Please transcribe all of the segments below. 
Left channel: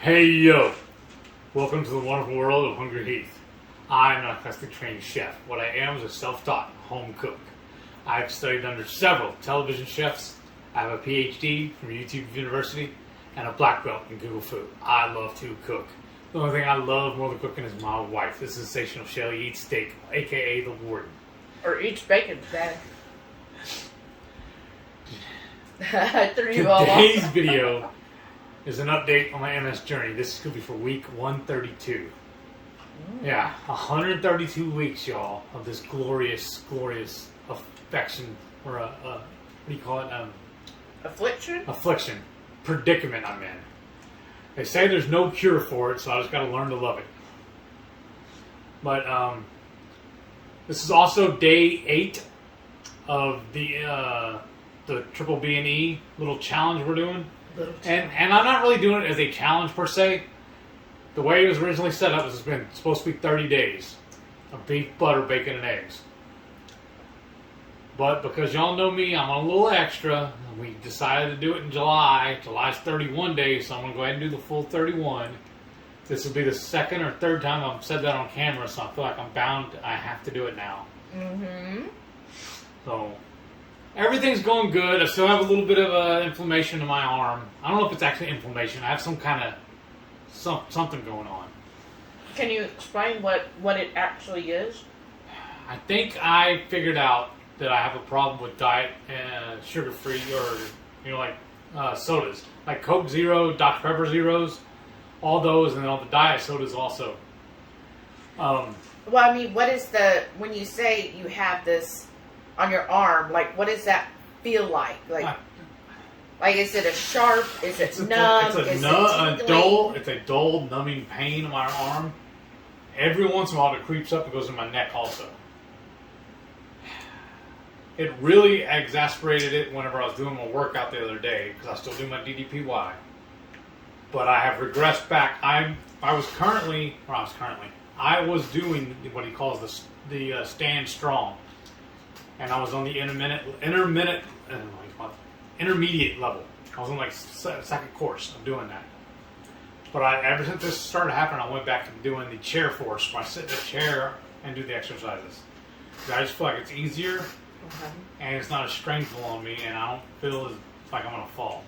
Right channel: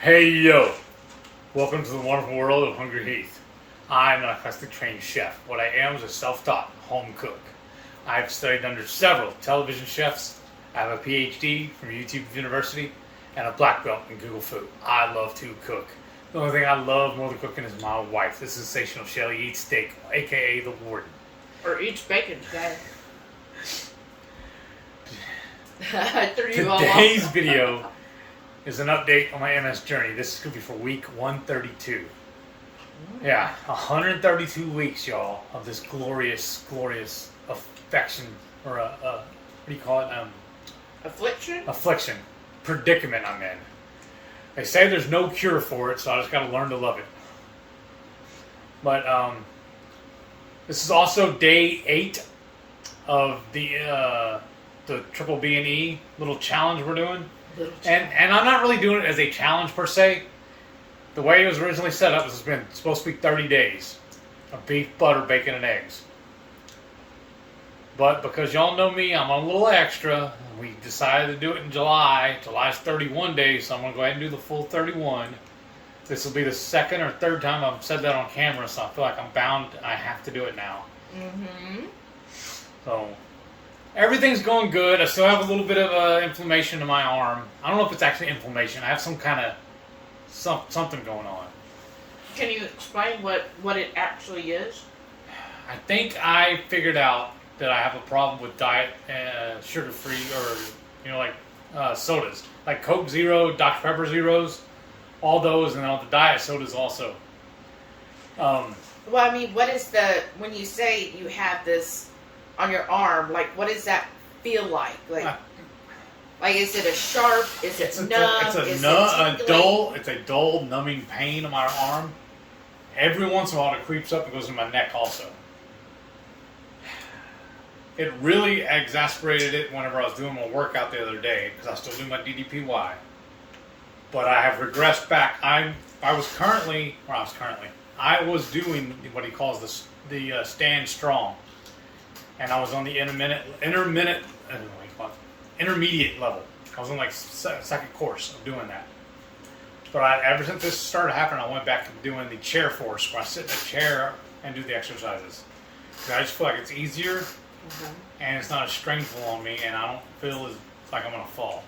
Hey yo! Welcome to the wonderful world of HungryHeath. I'm not a classically trained chef. What I am is a self-taught home cook. I've studied under several television chefs. I have a PhD from YouTube University and a black belt in Google Food. I love to cook. The only thing I love more than cooking is my wife, the sensational Shelly Eats Steak, aka the Warden. Or eats bacon today. Today's video is an update on my MS journey. This could be for week 132. Yeah, 132 weeks, y'all, of this glorious, glorious affection, or what do you call it? Affliction? Affliction. Predicament I'm in. They say there's no cure for it, so I just got to learn to love it. But this is also day 8 of the triple B&E little challenge we're doing. And I'm not really doing it as a challenge per se. The way it was originally set up is it's been supposed to be 30 days of beef, butter, bacon, and eggs. But because y'all know me, I'm a little extra. We decided to do it in July. July's 31 days, so I'm going to go ahead and do the full 31. This will be the second or third time I've said that on camera, so I feel like I'm bound. I have to do it now. Mm-hmm. So everything's going good. I still have a little bit of inflammation in my arm. I don't know if it's actually inflammation. I have some kind of something going on. Can you explain what it actually is? I think I figured out that I have a problem with diet sugar-free or, like sodas. Like Coke Zero, Dr. Pepper Zeros, all those, and all the diet sodas also. Well, I mean, what is when you say you have this on your arm, like, what does that feel like? Like, is it a sharp? Is it numb? It's a dull, numbing pain in my arm. Every once in a while, it creeps up and goes in my neck also. It really exacerbated it whenever I was doing my workout the other day, because I still do my DDPY. But I have regressed back. I was doing what he calls the stand strong. And I was on the intermediate level. I was on like second course of doing that. But ever since this started happening, I went back to doing the chair force, where I sit in a chair and do the exercises. I just feel like it's easier, and it's not as stressful on me, and I don't feel like I'm going to fall.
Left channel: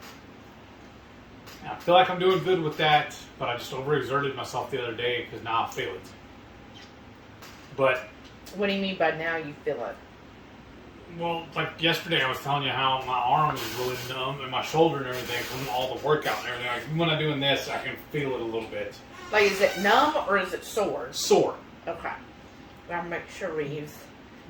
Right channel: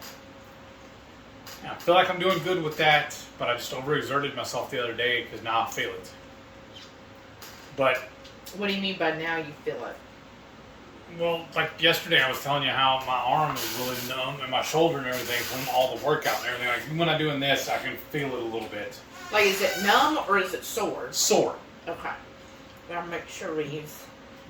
And I feel like I'm doing good with that, but I just overexerted myself the other day because now I feel it. But what do you mean by now you feel it? Well, like yesterday, I was telling you how my arm was really numb and my shoulder and everything from all the workout and everything. Like when I'm doing this, I can feel it a little bit. Like, is it numb or is it sore? Sore. Okay. I'll make sure we use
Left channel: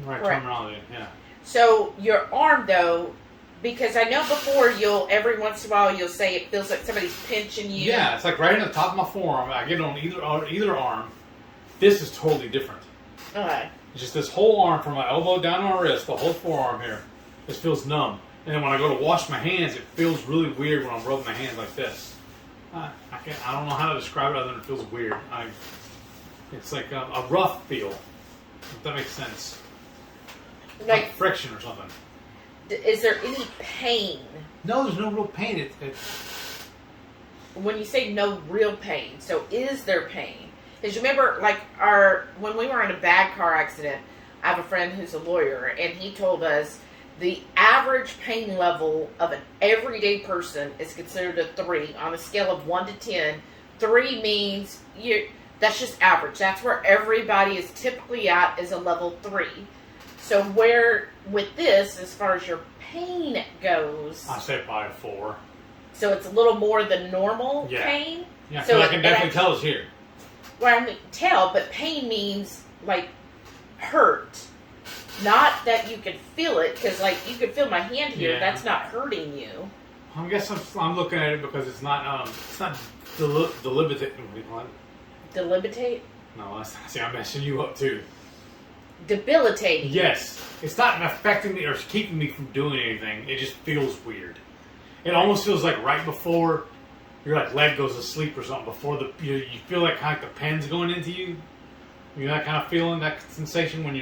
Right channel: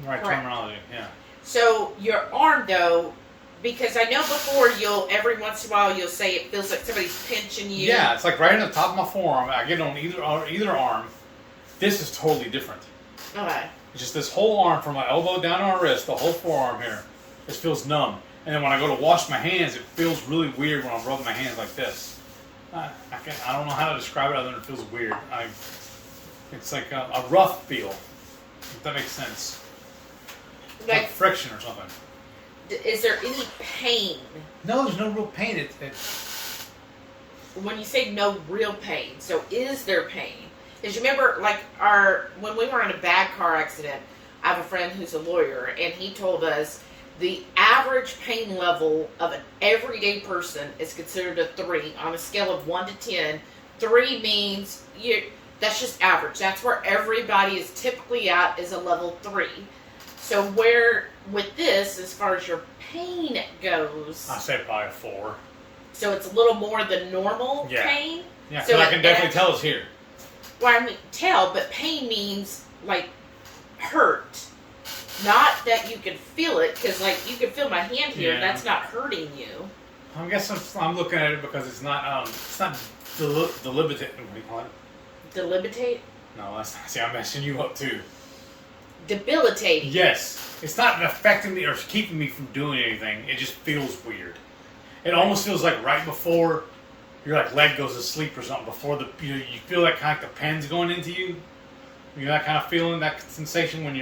right terminology. Yeah. So your arm, though, because I know before every once in a while you'll say it feels like somebody's pinching you. Yeah, it's like right on the top of my forearm. I get it on either arm. This is totally different. Okay. Just this whole arm from my elbow down to my wrist, the whole forearm here, just feels numb. And then when I go to wash my hands, it feels really weird when I'm rubbing my hands like this. I don't know how to describe it other than it feels weird. It's like a rough feel, if that makes sense. Like friction or something. Is there any pain? No, there's no real pain. When you say no real pain, so is there pain? Because you remember, like, when we were in a bad car accident, I have a friend who's a lawyer, and he told us the average pain level of an everyday person is considered a 3 on a scale of 1 to 10. 3 means that's just average. That's where everybody is typically at, is a level 3. So where with this, as far as your pain goes, I say probably 4. So it's a little more than normal pain. Yeah, so I can definitely tell it's here. Well, I mean, but pain means, like, hurt. Not that you can feel it, because, like, you can feel my hand here. Yeah. That's not hurting you. I guess I'm looking at it because it's not delimitate. What do you call it? Delimitate? No, see, I'm messing you up, too. Debilitating. Yes. It's not affecting me or keeping me from doing anything. It just feels weird. It almost feels like right before your leg goes to sleep or something, before you feel like kind of the pen's going into you. You're not kind of feeling that sensation when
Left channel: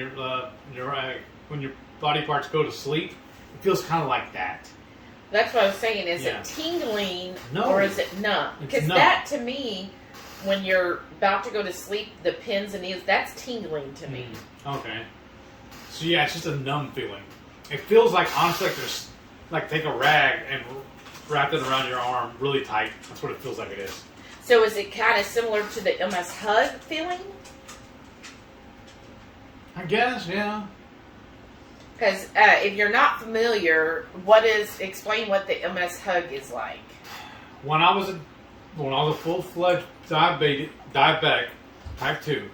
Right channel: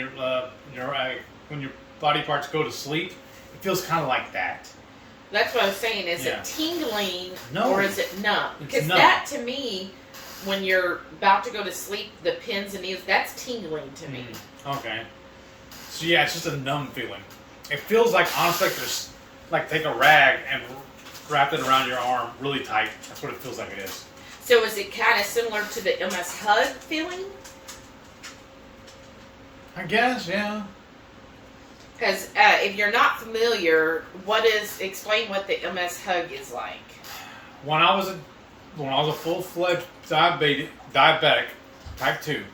when your body parts go to sleep. It feels kind of like that. That's what I was saying. Is Yeah. it tingling No. or is it numb? It's Because numb. that, to me, when you're about to go to sleep, the pins and needles, that's tingling to me. Okay. So yeah, it's just a numb feeling. It feels like, honestly, like there's, like, take a rag and wrap it around your arm really tight. That's what it feels like it is. So is it kind of similar to the MS hug feeling? I guess, yeah. Because if you're not familiar, explain what the MS hug is like. When I was a full-fledged diabetic, type 2,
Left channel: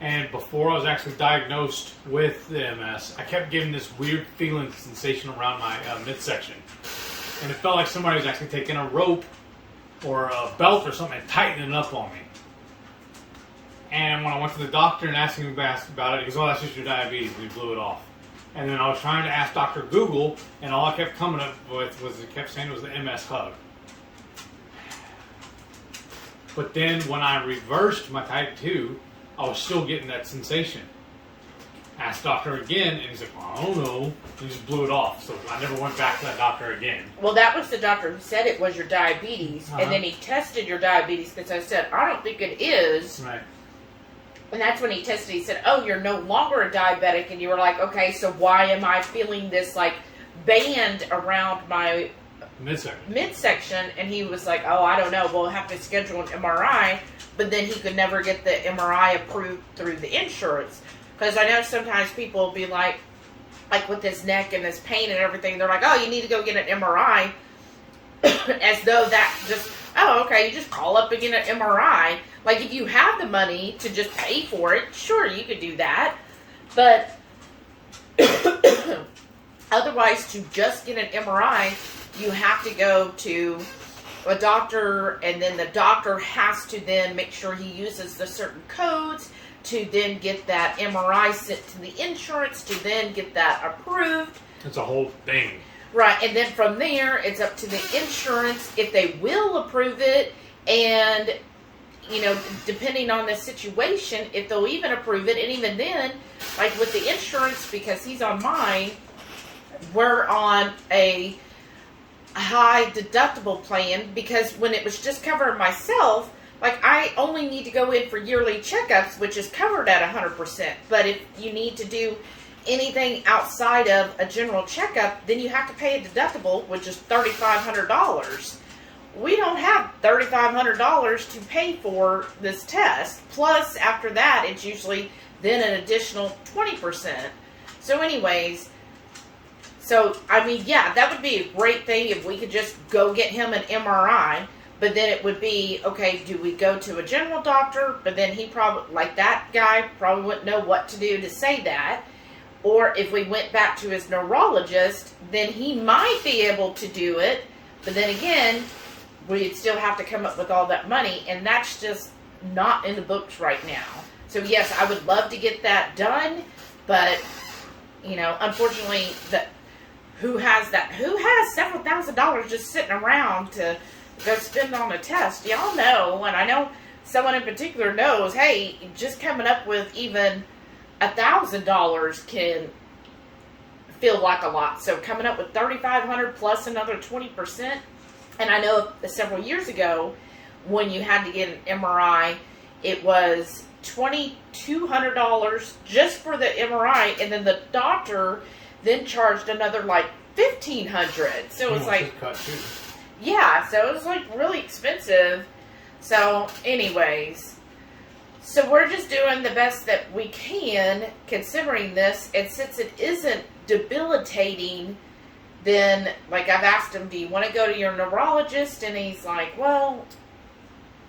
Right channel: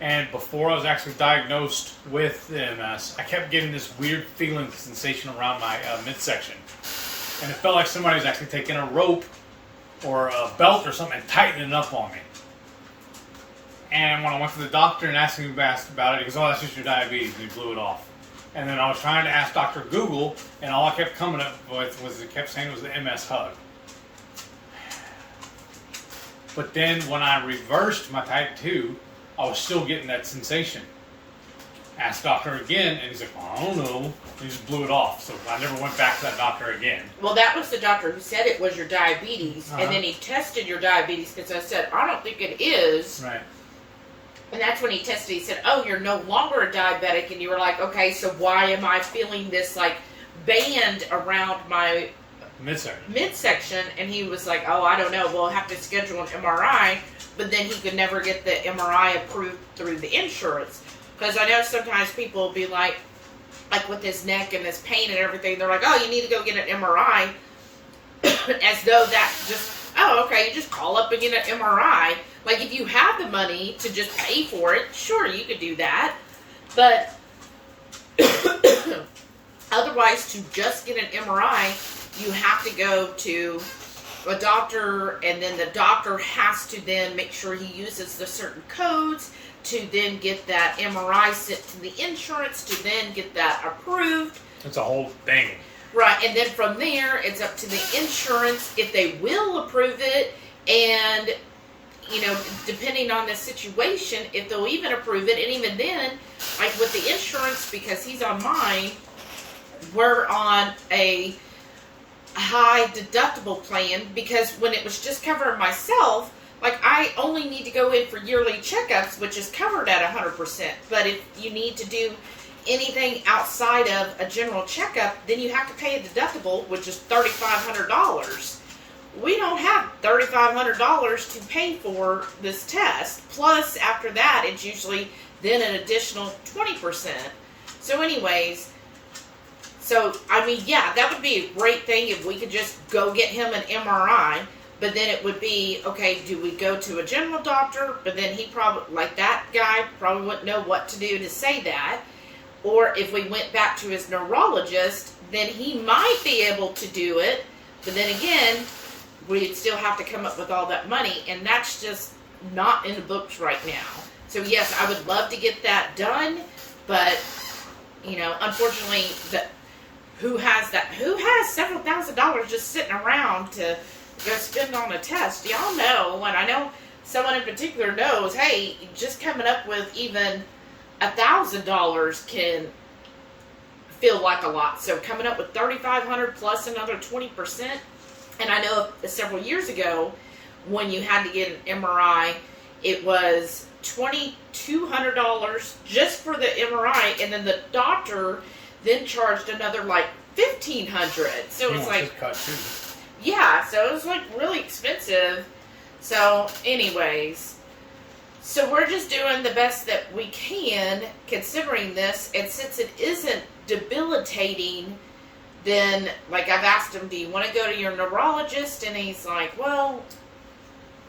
and before I was actually diagnosed with the MS, I kept getting this weird feeling, sensation around my midsection. And it felt like somebody was actually taking a rope or a belt or something and tightening it up on me. And when I went to the doctor and asked him about it, he goes, "Oh, that's just your diabetes. We blew it off." And then I was trying to ask Dr. Google, and all I kept coming up with was it kept saying it was the MS hug. But then when I reversed my type 2, I was still getting that sensation. Asked doctor again, and he's like, "Well, I don't know." He just blew it off. So I never went back to that doctor again. Well, that was the doctor who said it was your diabetes, and then he tested your diabetes because I said, "I don't think it is." Right. And that's when he tested. He said, "Oh, you're no longer a diabetic," and you were like, "Okay, so why am I feeling this like band around my midsection?" And he was like, "Oh, I don't know. We'll have to schedule an MRI." But then he could never get the MRI approved through the insurance. Because I know sometimes people will be like with his neck and his pain and everything, they're like, "Oh, you need to go get an MRI." As though that just, oh, okay, you just call up and get an MRI. Like, if you have the money to just pay for it, sure, you could do that. But otherwise, to just get an MRI, you have to go to a doctor, and then the doctor has to then make sure he uses the certain codes to then get that MRI sent to the insurance to then get that approved. It's a whole thing. Right, and then from there, it's up to the insurance if they will approve it, and, you know, depending on the situation, if they'll even approve it, and even then, like with the insurance, because he's on mine, we're on a high deductible plan, because when it was just covering myself, like, I only need to go in for yearly checkups, which is covered at 100%. But if you need to do anything outside of a general checkup, then you have to pay a deductible, which is $3,500. We don't have $3,500 to pay for this test. Plus, after that, it's usually then an additional 20%. So anyways, I mean, yeah, that would be a great thing if we could just go get him an MRI. But then it would be, okay, do we go to a general doctor? But then he probably, like that guy, probably wouldn't know what to do to say that. Or if we went back to his neurologist, then he might be able to do it. But then again, we'd still have to come up with all that money. And that's just not in the books right now. So yes, I would love to get that done. But, you know, unfortunately, who has several $1,000s just sitting around to go spend on a test? Y'all know, and I know someone in particular knows, hey, just coming up with even $1,000 can feel like a lot. So coming up with $3,500 plus another 20%. And I know several years ago, when you had to get an MRI, it was $2,200 just for the MRI, and then the doctor then charged another like $1,500. So it's like, cut too. Yeah, so it was like really expensive. So anyways, so we're just doing the best that we can considering this. And since it isn't debilitating, then like I've asked him, do you want to go to your neurologist? And he's like, well,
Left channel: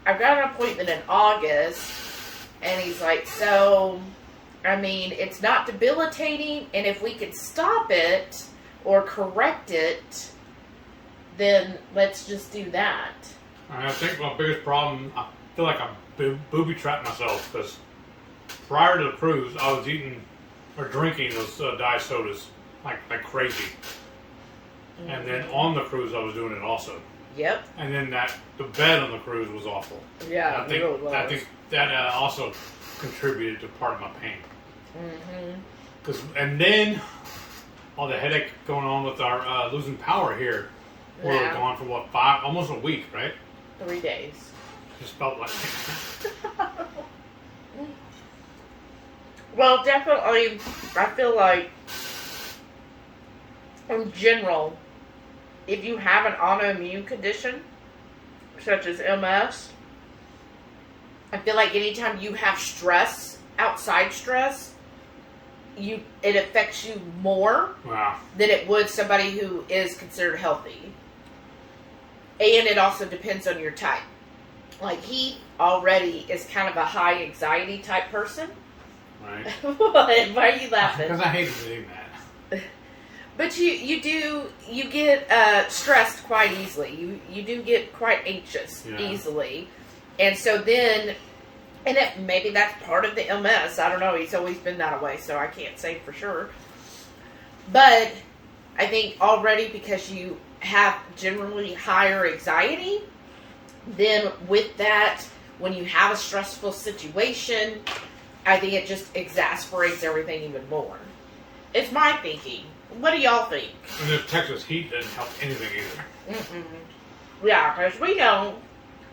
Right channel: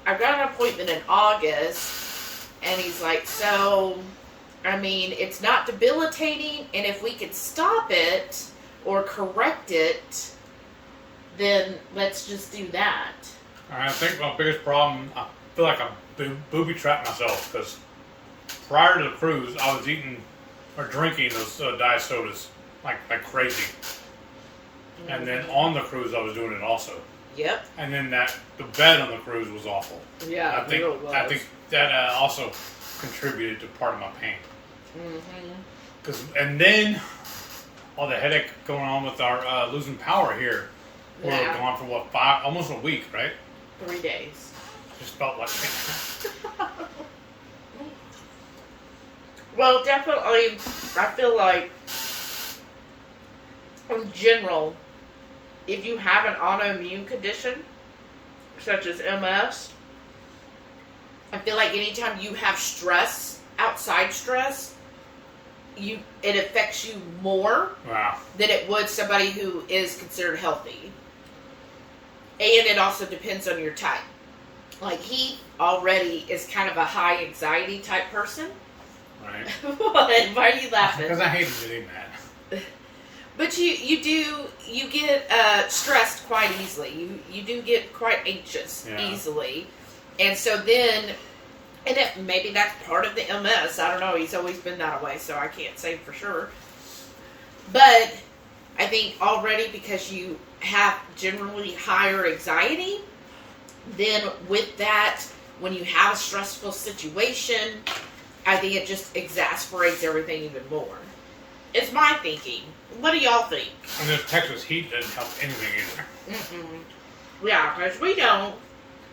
I've got an appointment in August. And he's like, so, I mean, it's not debilitating. And if we could stop it or correct it, then let's just do that. I think my biggest problem, I feel like I booby-trapped myself, because prior to the cruise, I was eating or drinking those diet sodas like crazy. Mm-hmm. And then on the cruise, I was doing it also. Yep. And then the bed on the cruise was awful. Yeah, I think, it really was. I think that also contributed to part of my pain. Mm-hmm. And then all the headache going on with our losing power here. We were gone for what, almost a week, right? 3 days. Just felt like Well, definitely, I feel like, in general, if you have an autoimmune condition, such as MS, I feel like anytime you have stress, outside stress, it affects you more than it would somebody who is considered healthy. And it also depends on your type. Like, he already is kind of a high anxiety type person. Right. Why are you laughing? Because I hated doing that. But you get stressed quite easily. You do get quite anxious easily. And so then, and maybe that's part of the MS. I don't know. He's always been that way, so I can't say for sure. But I think already because you have generally higher anxiety, then with that, when you have a stressful situation, I think it just exasperates everything even more. It's my thinking. What do y'all think? And the Texas heat doesn't help anything either. Yeah, because we know,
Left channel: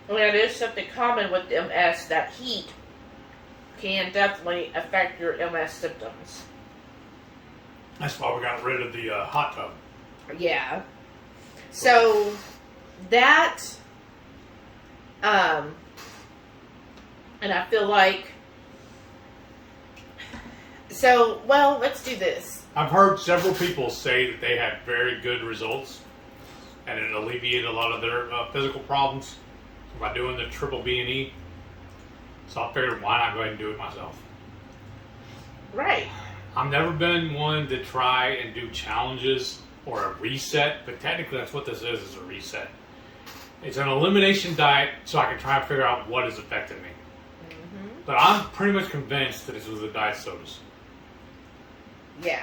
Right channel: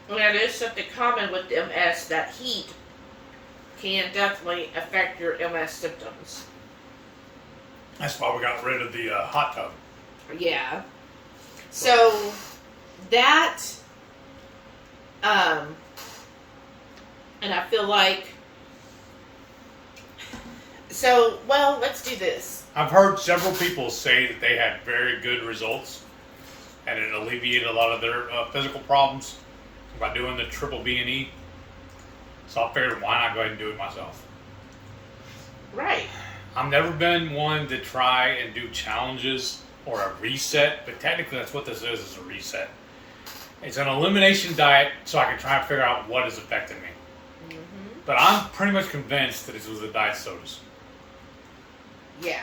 and it is something common with MS, that heat can definitely affect your MS symptoms. That's why we got rid of the hot tub. Yeah. So, that, and I feel like, so, well, let's do this. I've heard several people say that they had very good results, and it alleviated a lot of their physical problems by doing the triple B&E. So I figured, why not go ahead and do it myself? Right. I've never been one to try and do challenges or a reset, but technically that's what this is a reset. It's an elimination diet so I can try and figure out what is affecting me. Mm-hmm. But I'm pretty much convinced that this was the diet sodas. Yeah.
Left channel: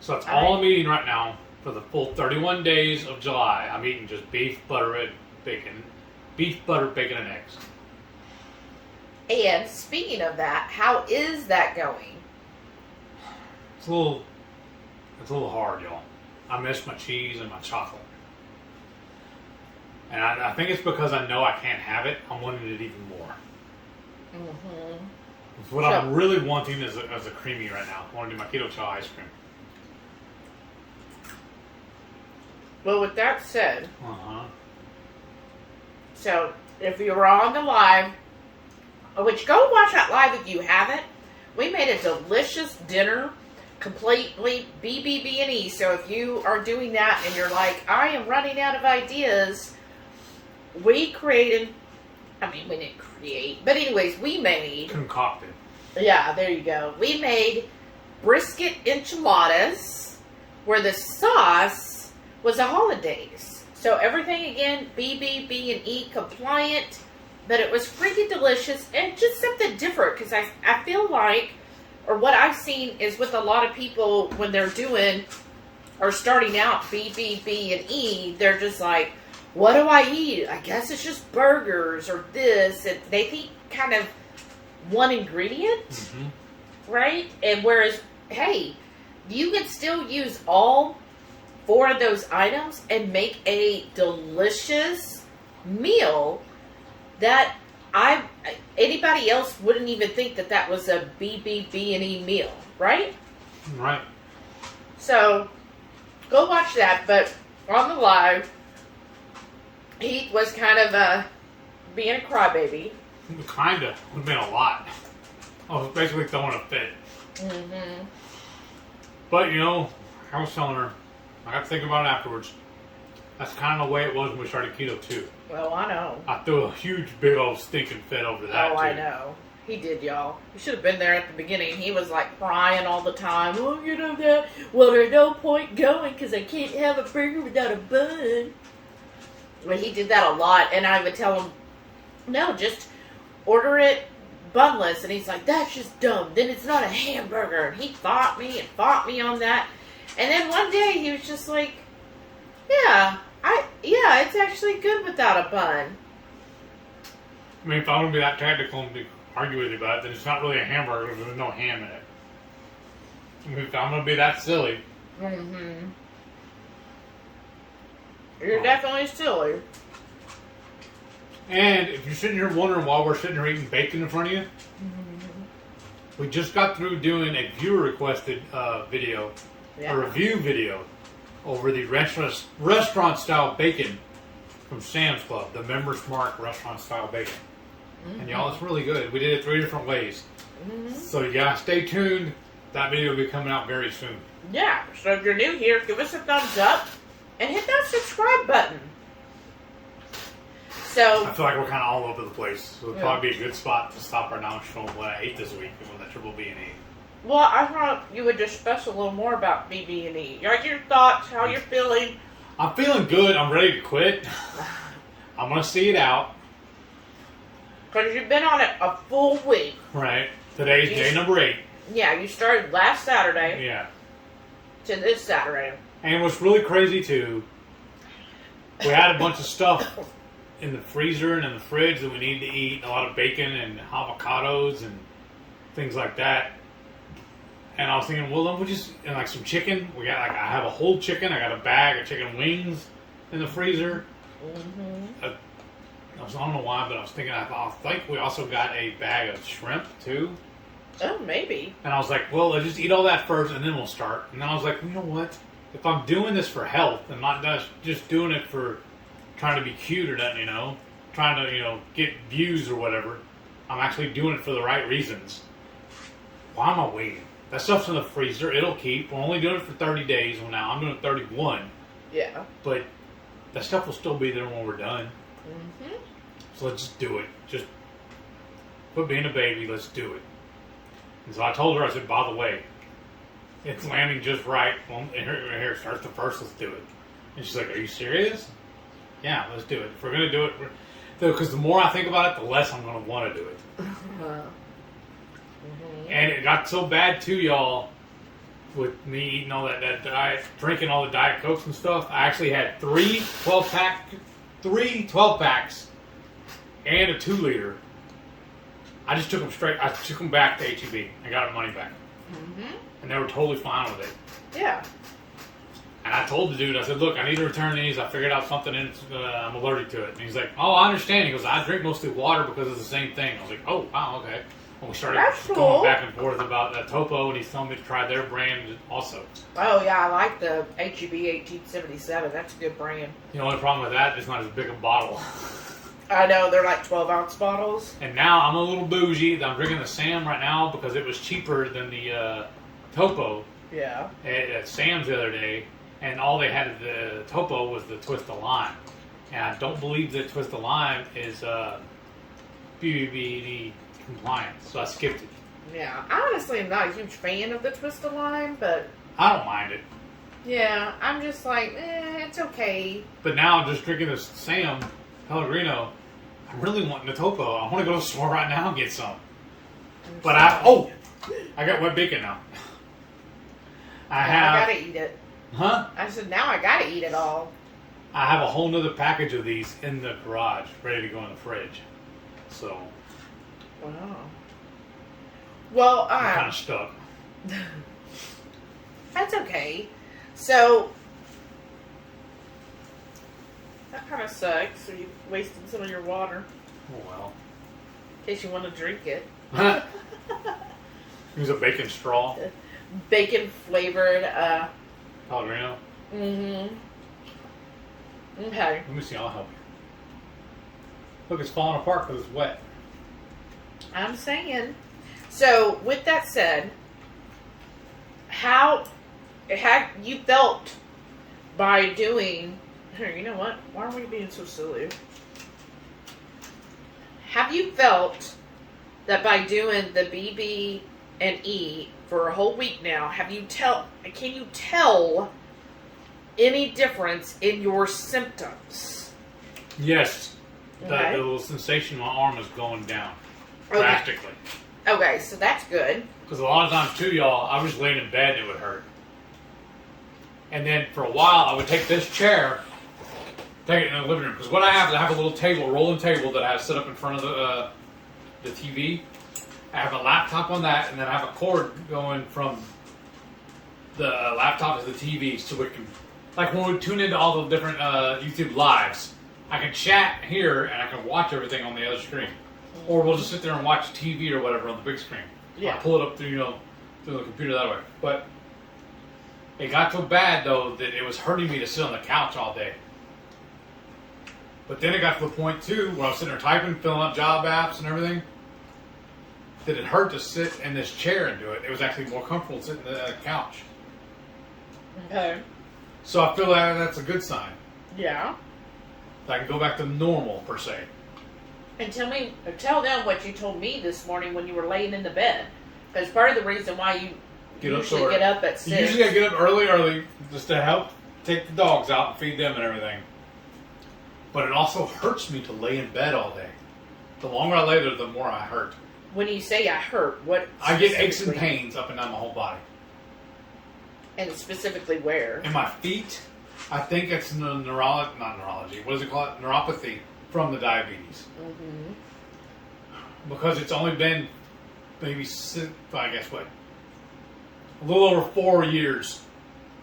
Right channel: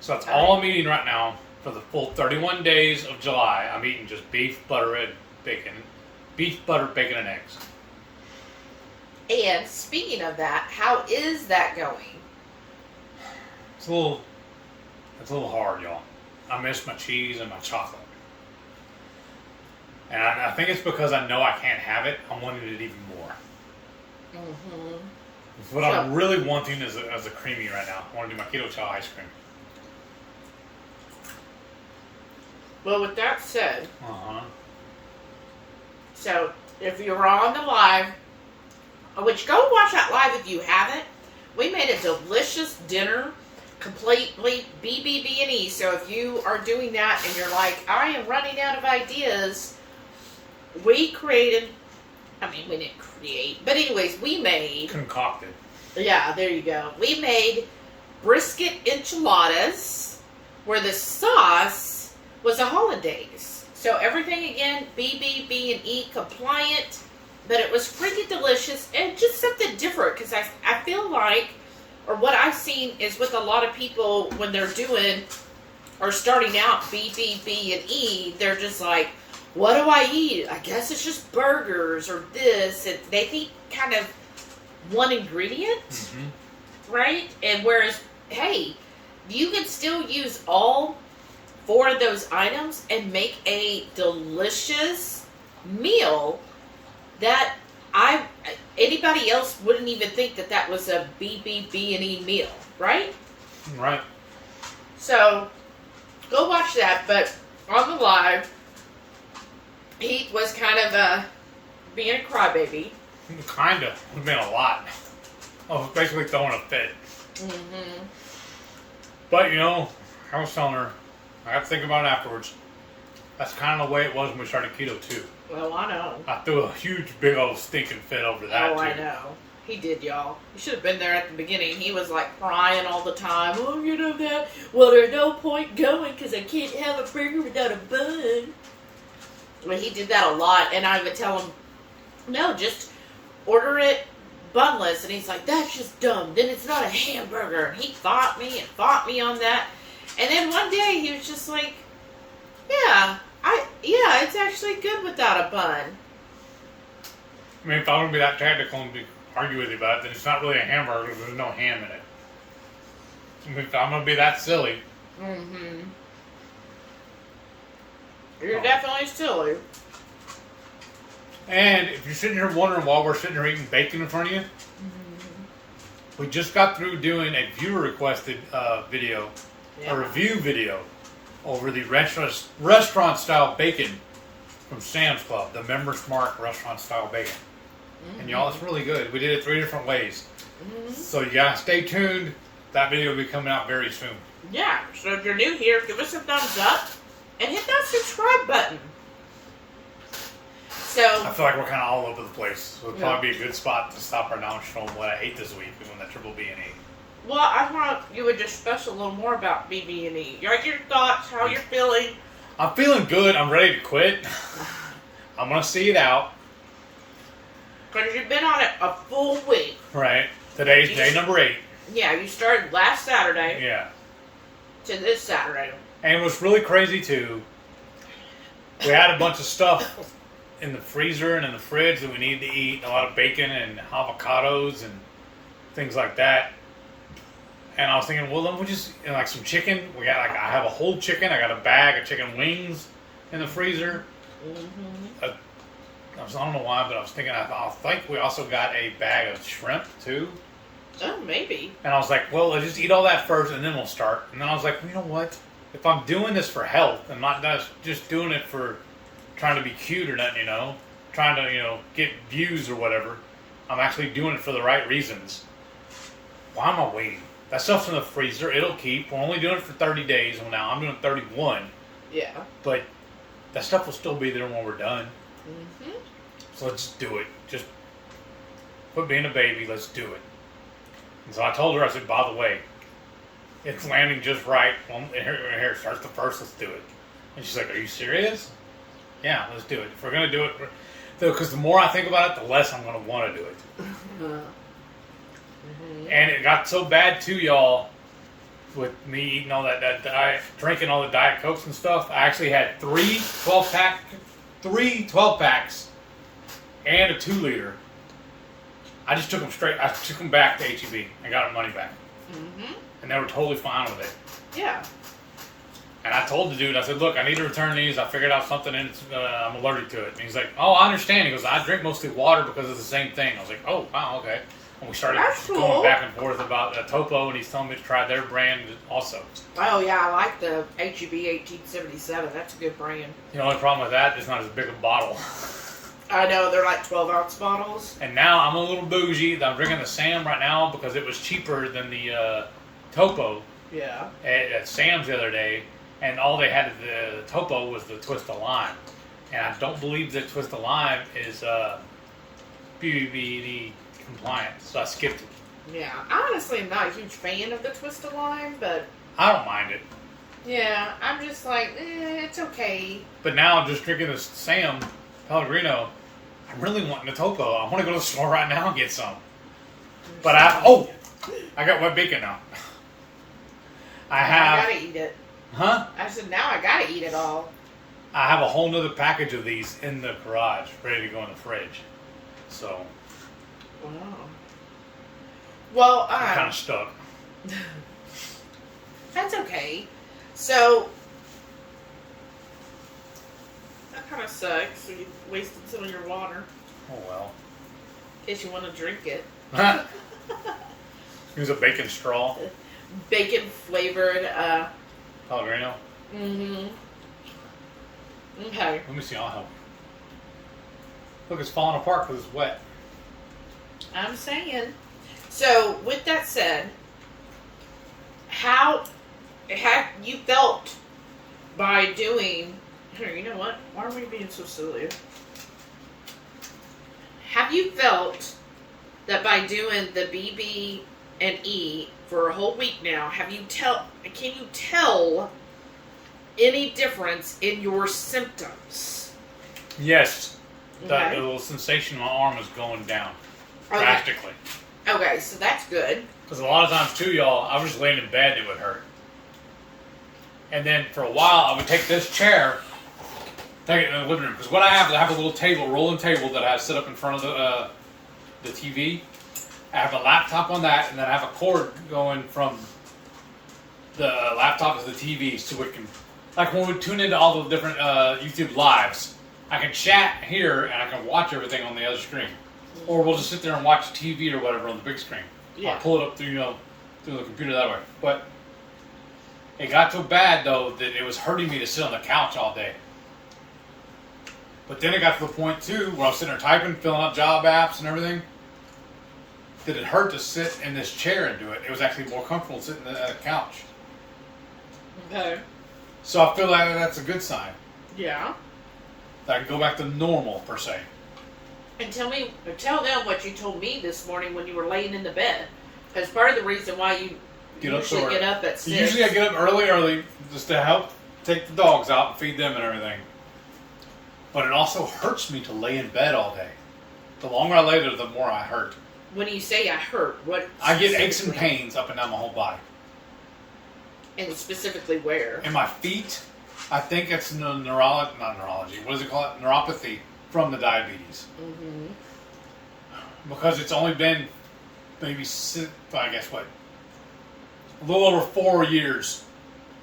So that's all I'm eating right now for the full 31 days of July. I'm eating just beef, butter, and bacon. Beef, butter, bacon, and eggs. And speaking of that, how is that going? It's a little hard, y'all. I miss my cheese and my chocolate. And I think it's because I know I can't have it. I'm wanting it even more. Mm-hmm. What I'm really wanting is a creamy right now. I want to do my Ketochow ice cream. Well, with that said, so if you were on the live, which go watch that live if you haven't, we made a delicious dinner, completely BBBE. So if you are doing that and you're like, I am running out of ideas, we created, we didn't create, but anyways, we made. Concocted. Yeah, there you go. We made brisket enchiladas where the sauce was a hollandaise. So everything, again, BBBE compliant, but it was freaking delicious and just something different because I feel like, or what I've seen is with a lot of people when they're doing or starting out BBBE, they're just like, what do I eat? I guess it's just burgers or this, and they think kind of one ingredient, right? And whereas, hey, you can still use all 4 of those items and make a delicious meal that anybody else wouldn't even think that was a BBBE meal, right? Right. So, go watch that, but on the live, he was kind of being a crybaby. Kinda. It's been a lot. I was basically throwing a fit. But, I was telling her, I got to think about it afterwards. That's kind of the way it was when we started keto too. Well, I know. I threw a huge, big old stinking fit over that too. I know. He did, y'all. You should have been there at the beginning. He was like crying all the time. Oh, you know that? Well, there's no point going because I can't have a burger without a bun. Well, he did that a lot, and I would tell him, no, just order it bunless. And he's like, that's just dumb. Then it's not a hamburger. And he fought me on that. And then one day he was just like, yeah, it's actually good without a bun. If I want to be that technical and argue with you about it, then it's not really a hamburger because there's no ham in it. If I'm going to be that silly. You're definitely silly. And if you're sitting here wondering why we're sitting here eating bacon in front of you, we just got through doing a viewer requested video, a review video, over the restaurant style bacon from Sam's Club, the Members Mark restaurant style bacon. And y'all, it's really good. We did it 3 different ways. So you gotta stay tuned. That video will be coming out very soon. Yeah, so if you're new here, give us a thumbs up and hit that subscribe button. So I feel like we're kind of all over the place. So it would probably be a good spot to stop right now and show them what I ate this week when the triple B&E. Well, I thought you would discuss a little more about BB&E. Like your thoughts, how you're feeling. I'm feeling good. I'm ready to quit. I'm gonna see it out. Because you've been on it a full week. Right. Today's day number 8. Yeah, you started last Saturday. Yeah. To this Saturday. And what's really crazy too, we had a bunch of stuff in the freezer and in the fridge that we need to eat. A lot of bacon and avocados and things like that. And I was thinking, well, then we'll just, and like some chicken. We got I have a whole chicken. I got a bag of chicken wings in the freezer. I don't know why, but I was thinking, I think we also got a bag of shrimp too. Oh, maybe. And I was like, well, let's just eat all that first and then we'll start. And then I was like, you know what? If I'm doing this for health and not just doing it for trying to be cute or nothing, trying to, get views or whatever, I'm actually doing it for the right reasons. Why am I waiting? That stuff's in the freezer. It'll keep. We're only doing it for 30 days. Well, now I'm doing 31. Yeah. But that stuff will still be there when we're done. So let's just do it. Just quit being a baby. Let's do it. And so I told her, I said, by the way, it's landing just right. Well, here, starts the first. Let's do it. And she's like, are you serious? Yeah, let's do it. If we're going to do it, because the more I think about it, the less I'm going to want to do it. And it got so bad too, y'all, with me eating all that diet, drinking all the Diet Cokes and stuff. I actually had 3 12 packs and a 2-liter. I just took them straight. I took them back to HEB and got my money back. And they were totally fine with it. Yeah. And I told the dude, I said, look, I need to return these. I figured out something and I'm allergic to it. And he's like, oh, I understand. He goes, I drink mostly water because it's the same thing. I was like, oh, wow, okay. And we started going back and forth about Topo, and he's telling me to try their brand also. Oh, yeah, I like the HEB 1877. That's a good brand. The only problem with that is not as big a bottle. I know, they're like 12-ounce bottles. And now I'm a little bougie. I'm drinking the Sam right now because it was cheaper than the Topo. Yeah. At Sam's the other day. And all they had at the Topo was the Twist of Lime. And I don't believe that Twist of Lime is BBBE compliant, so I skipped it. Yeah, I honestly am not a huge fan of the Twist of Lime, but I don't mind it. Yeah, I'm just like, it's okay. But now I'm just drinking this Sam Pellegrino. I'm really wanting the Topo. I want to go to the store right now and get some. But I got wet bacon now. I gotta eat it. Huh? I said, now I gotta eat it all. I have a whole nother package of these in the garage, ready to go in the fridge. So. Wow. Well, I'm kind of stuck. That's okay. So, that kind of sucks. So you wasted some of your water. Oh well. In case you want to drink it. Use a bacon straw. Bacon flavored. Pellegrino. Okay. Let me see. I'll help you. Look, it's falling apart because it's wet. I'm saying. So, with that said, how have you felt by doing... Here, you know what? Why are we being so silly? Have you felt that by doing the BB&E for a whole week now, can you tell any difference in your symptoms? Yes. Okay. The little sensation in my arm is going down. Drastically. Okay, so that's good. Because a lot of times, too, y'all, I was just laying in bed and it would hurt. And then for a while, I would take this chair, take it in the living room. Because what I have a little table, rolling table that I have set up in front of the TV. I have a laptop on that, and then I have a cord going from the laptop to the TV so it can like when we tune into all the different YouTube lives, I can chat here and I can watch everything on the other screen. Or we'll just sit there and watch TV or whatever on the big screen. Yeah. I'll pull it up through, through the computer that way. But it got so bad, though, that it was hurting me to sit on the couch all day. But then it got to the point, too, where I was sitting there typing, filling out job apps and everything, that it hurt to sit in this chair and do it. It was actually more comfortable sitting on the couch. Okay. So I feel like that's a good sign. Yeah. That I can go back to normal, per se. And tell them what you told me this morning when you were laying in the bed. Because part of the reason why you usually get up at 6. Usually I get up early, just to help take the dogs out and feed them and everything. But it also hurts me to lay in bed all day. The longer I lay there, the more I hurt. When you say I hurt, what? I get aches and pains up and down my whole body. And specifically where? In my feet, I think it's not neurology. What is it called? Neuropathy from the diabetes. Mm-hmm. Because it's only been maybe, I guess what, a little over 4 years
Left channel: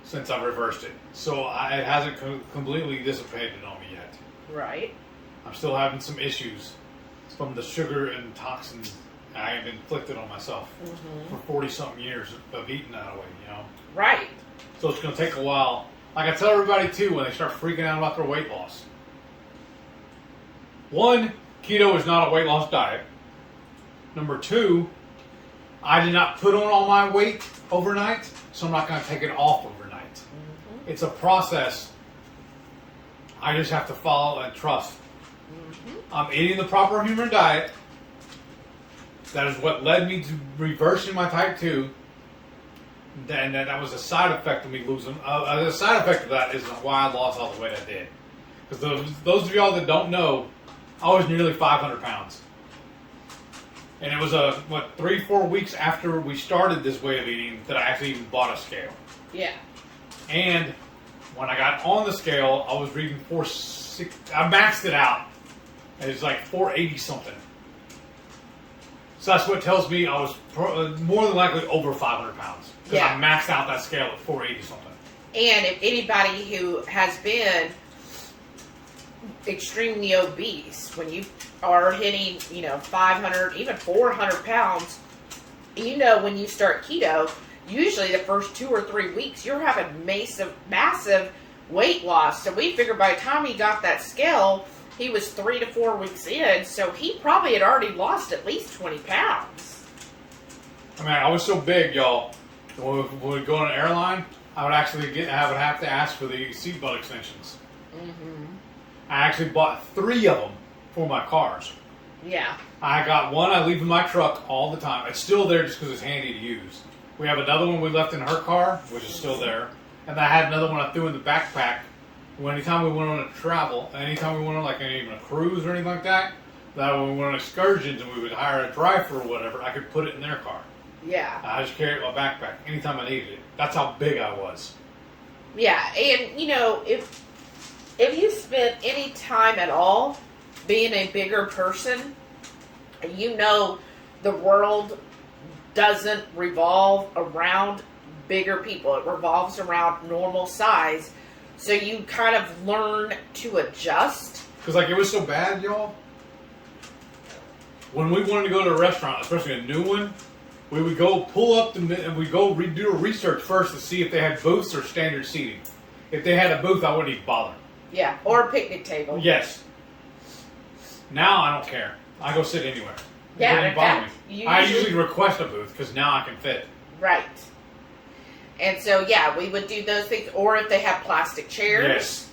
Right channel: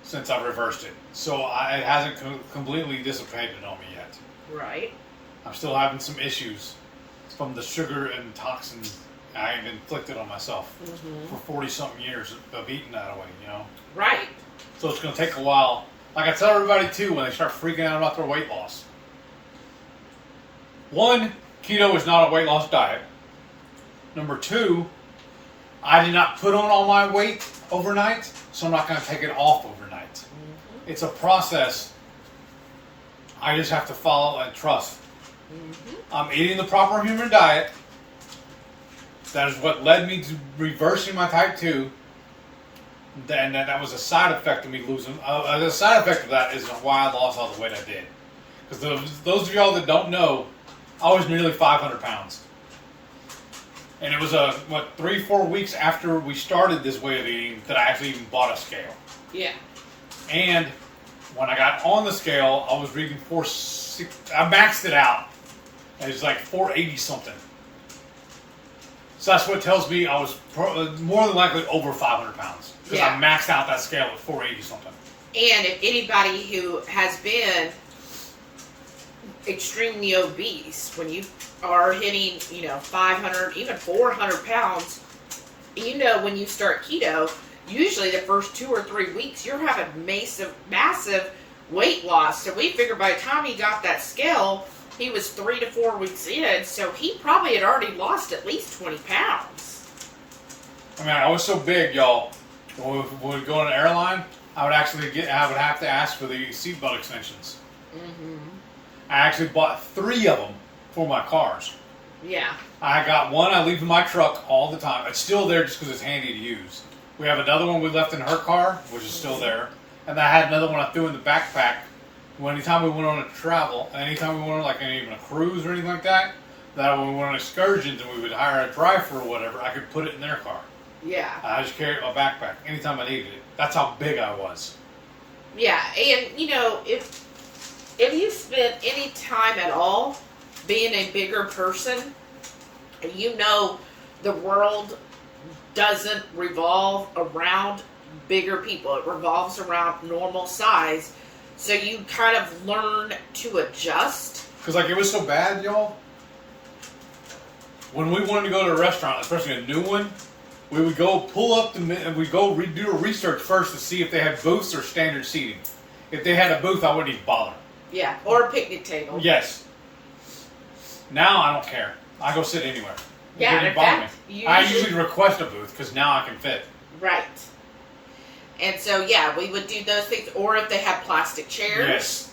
since I've reversed it. So it hasn't completely dissipated on me yet. Right. I'm still having some issues from the sugar and toxins I have inflicted on myself for 40-something years of eating that way, Right. So it's going to take a while. Like I tell everybody, too, when they start freaking out about their weight loss. 1, keto is not a weight loss diet. Number 2, I did not put on all my weight overnight, so I'm not going to take it off overnight. Mm-hmm. It's a process I just have to follow and trust. Mm-hmm. I'm eating the proper human diet. That is what led me to reversing my type 2. And that was a side effect of me losing. The side effect of that is why I lost all the weight I did. Because those of y'all that don't know, I was nearly 500 pounds. And it was 3-4 weeks after we started this way of eating that I actually even bought a scale. Yeah. And when I got on the scale, I was reading 460. I maxed it out. It was like 480 something. So that's what tells me I was more than likely over 500 pounds. Because I maxed out that scale at 480 something. And if anybody who has been extremely obese, when you are hitting, 500, even 400 pounds, when you start keto, usually the first 2 or 3 weeks, you're having massive weight loss. So we figured by the time he got that scale, he was 3 to 4 weeks in, so he probably had already lost at least 20 pounds. I mean, I was so big, y'all. When we would go on an airline, I would have to ask for the seatbelt extensions. Mm-hmm. I actually bought 3 of them for my cars. Yeah. I got one I leave in my truck all the time. It's still there just because it's handy to use. We have another one we left in her car, which is still there. And I had another one I threw in the backpack. Anytime we went on a travel, anytime we went on even a cruise or anything like that, when we went on excursions and we would hire a driver or whatever, I could put it in their car. Yeah. I just carry it in my backpack anytime I needed it. That's how big I was. Yeah, and if you spent any time at all being a bigger person, the world doesn't revolve around bigger people. It revolves around normal size. So you kind of learn to adjust. Because it was so bad, y'all. When we wanted to go to a restaurant, especially a new one, we would go pull up and we'd go do a research first to see if they had booths or standard seating. If they had a booth, I wouldn't even bother. Yeah, or a picnic table. Yes. Now I don't care. I go sit anywhere. Yeah, in fact, I usually request a booth because now I can fit. Right. And so, we would do those things. Or if they have plastic chairs. Yes.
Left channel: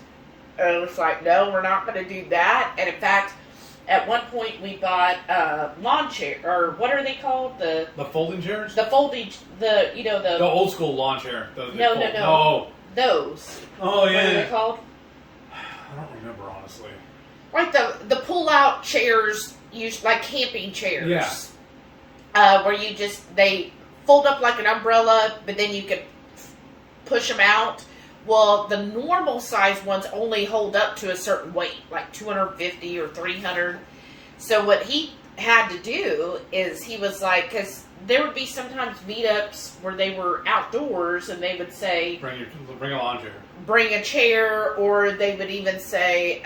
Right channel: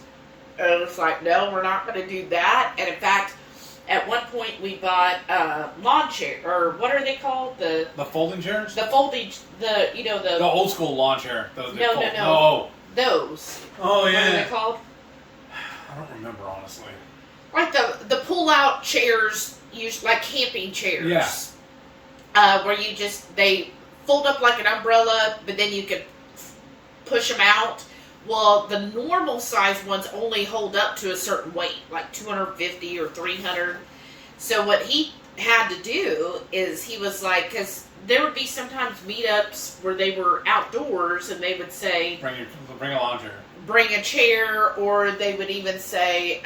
It's like, no, we're not going to do that. And in fact, at one point we bought lawn chair, or what are they called? The folding chairs? The folding, the old school lawn chair. No. Those. Oh, yeah. What are they called? I don't remember, honestly. Right, the pull-out chairs, like camping chairs. Yeah. Where they fold up like an umbrella, but then you could push them out. Well, the normal size ones only hold up to a certain weight, like 250 or 300. So what he had to do is he was like, because there would be sometimes meetups where they were outdoors and they would say, bring a lawn chair. bring a chair, or they would even say,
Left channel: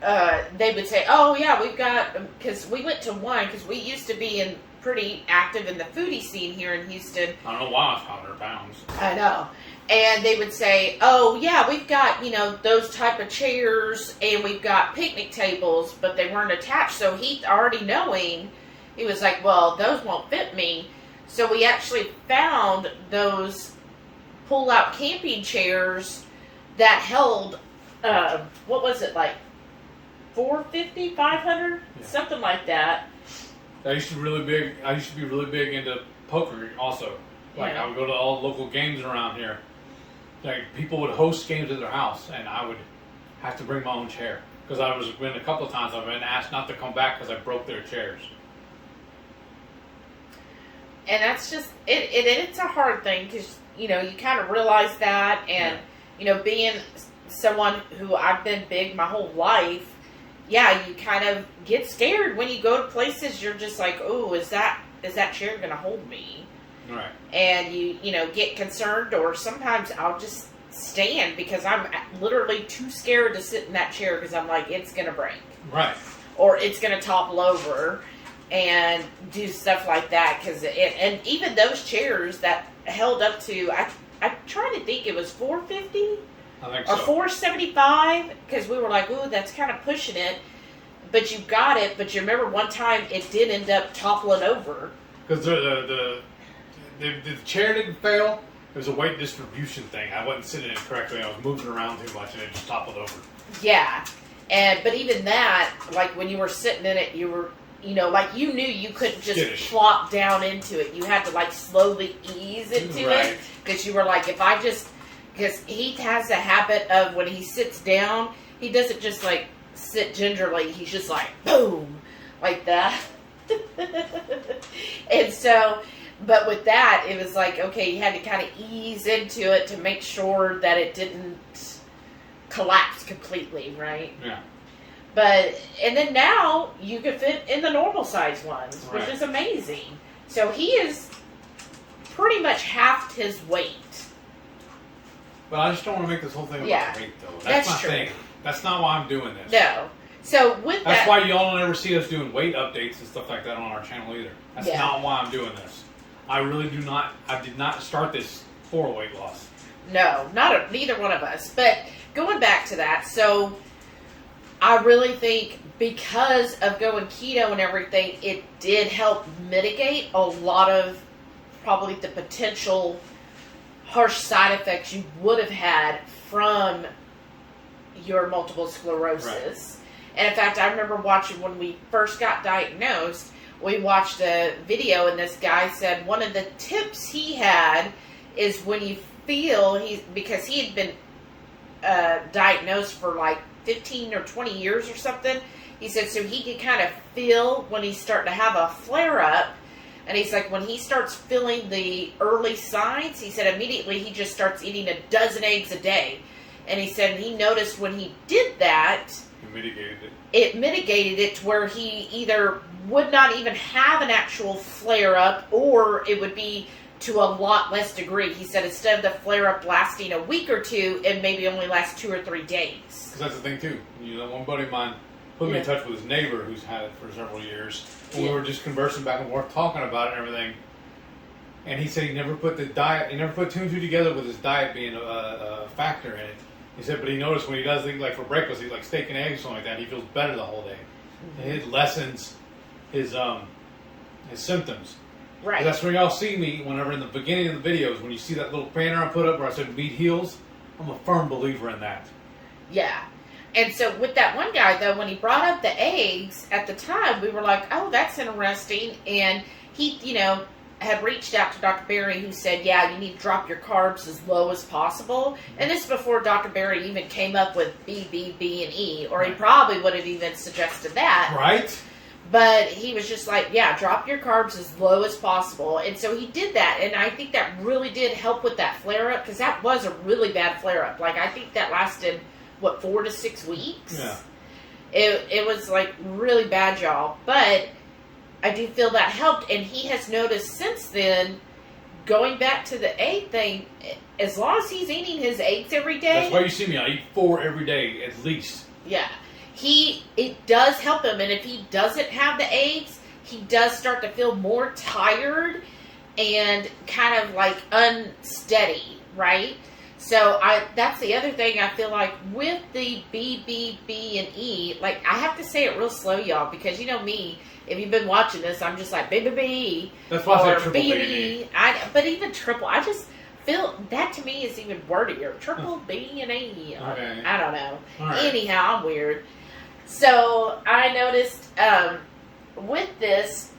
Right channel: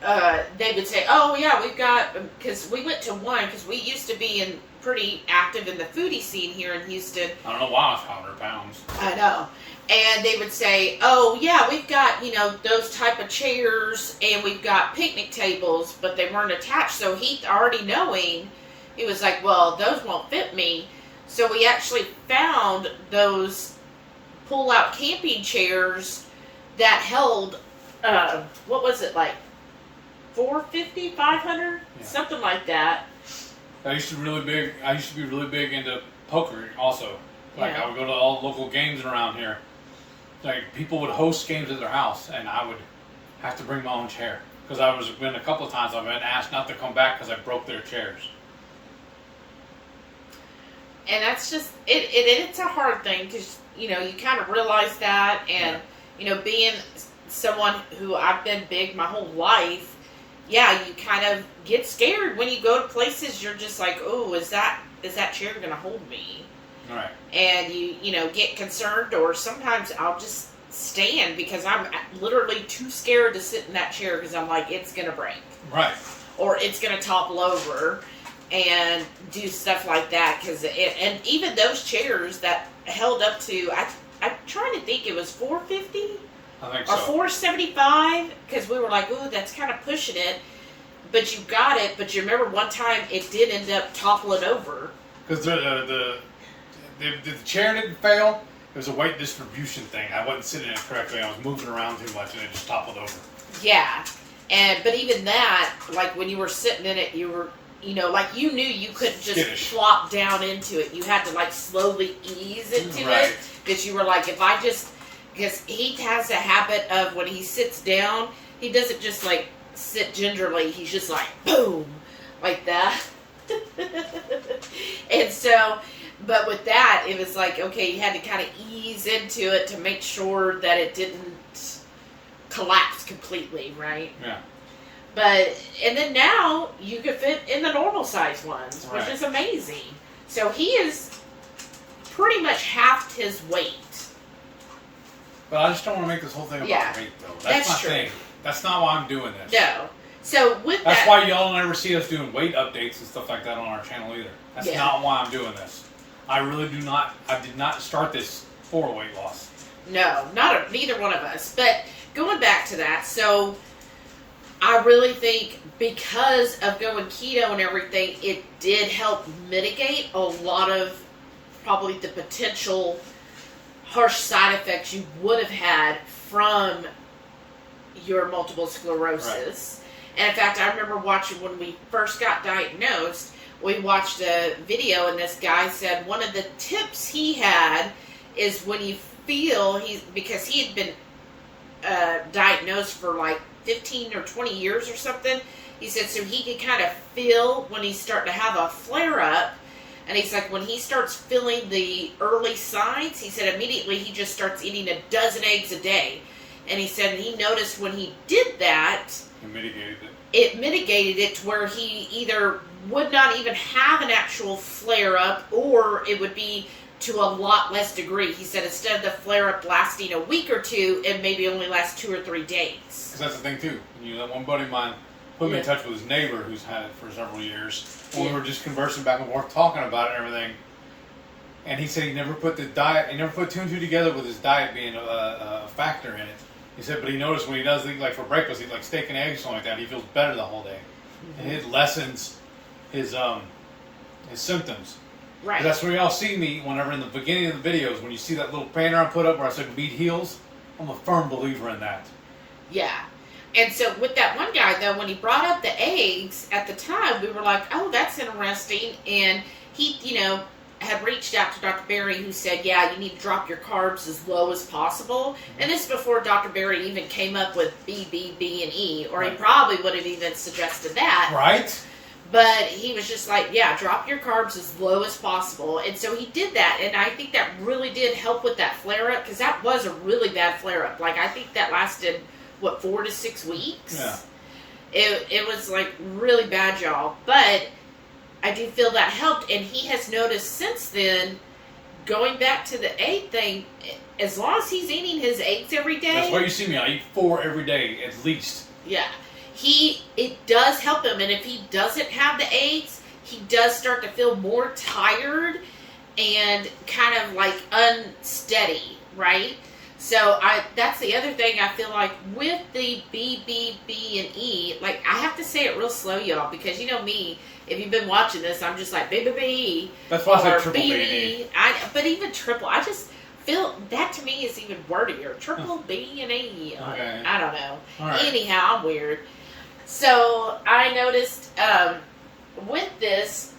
they would say, oh yeah, we've got, because we went to one, because we used to be pretty active in the foodie scene here in Houston. I don't know why I was 100 pounds. I know. And they would say, oh yeah, we've got, those type of chairs, and we've got picnic tables, but they weren't attached. So he, already knowing, he was like, well, those won't fit me. So we actually found those pull-out camping chairs that held, what was it, like $450, $500, something like that. I used to be really big into poker also. Like, I would go to all the local games around here. Like, people would host games at their house, and I would have to bring my own chair. Because a couple of times I've been asked not to come back because I broke their chairs. And that's just, it's a hard thing, because, you kind of realize that, and, being someone who I've been big my whole life, you kind of get scared when you go to places. You're just like, oh, is that chair going to hold me? Right. And you get concerned, or sometimes I'll just stand because I'm literally too scared to sit in that chair because I'm like, it's going to break. Right. Or it's going to topple over and do stuff like that. And even those chairs that held up to, I'm trying to think, it was $450? I think or so. $475, because we were like, ooh, that's kind of pushing it. But you got it. But you remember one time it did end up toppling over. Because the chair didn't fail. It was a weight distribution thing. I wasn't sitting in it correctly. I was moving around too much, and it just toppled over. Yeah, but even that, like when you were sitting in it, you were, like you knew you couldn't just flop down into it. You had to like slowly ease into it, because you were like, because he has a habit of when he sits down, he doesn't just like sit gingerly. He's just like boom, like that. And so, but with that, it was like, okay, you had to kind of ease into it to make sure that it didn't collapse completely, right? Yeah. But, and then now you can fit in the normal size ones, which is amazing. So he is pretty much halved his weight. But I just don't want to make this whole thing about weight, though. That's my thing. That's not why I'm doing this. No. So with That's why y'all never see us doing weight updates and stuff like that on our channel either. That's not why I'm doing this. I really do not. I did not start this for weight loss. No, neither one of us. But going back to that, so I really think because of going keto and everything, it did help mitigate a lot of probably the potential harsh side effects you would have had from your multiple sclerosis. Right. And in fact, I remember watching when we first got diagnosed, we watched a video and this guy said one of the tips he had is when you feel, because he had been diagnosed for like 15 or 20 years or something, he said so he could kind of feel when he's starting to have a flare-up. And he's like, when he starts feeling the early signs, he said immediately he just starts eating a dozen eggs a day. And he said he noticed when he did that, it mitigated it to where he either would not even have an actual flare-up, or it would be to a lot less degree. He said instead of the flare-up lasting a week or two, it maybe only lasts 2 or 3 days. Because that's the thing, too. One buddy of mine put me in touch with his neighbor who's had it for several years. And we were just conversing back and forth, talking about it and everything. And he said he never put two and two together with his diet being a factor in it. He said, but he noticed when he does things like for breakfast, he like steak and eggs or something like that, he feels better the whole day. Mm-hmm. And it lessens his symptoms. Right. That's where y'all see me whenever in the beginning of the videos, when you see that little banner I put up where I said meat heals, I'm a firm believer in that. Yeah. And so with that one guy, though, when he brought up the eggs, at the time, we were like, oh, that's interesting. And he, had reached out to Dr. Berry, who said, yeah, you need to drop your carbs as low as possible. And this is before Dr. Berry even came up with BBBE, or he probably would have even suggested that. Right. But he was just like, yeah, drop your carbs as low as possible. And so he did that. And I think that really did help with that flare-up, because that was a really bad flare-up. Like, I think that lasted, 4 to 6 weeks? Yeah. It was, like, really bad, y'all. But I do feel that helped. And he has noticed since then going back to the egg thing, as long as he's eating his eggs every day. That's why you see me. I eat 4 every day at least. Yeah. It does help him, and if he doesn't have the eggs, he does start to feel more tired and kind of like unsteady, right? So that's the other thing I feel like with the BBBE, like I have to say it real slow, y'all, because you know me, if you've been watching this, I'm just like BBBE. That's why I said triple B&E. But even triple, I just feel that to me is even wordier. Triple B and E. Okay. I don't know. Right. Anyhow, I'm weird. So I noticed with this,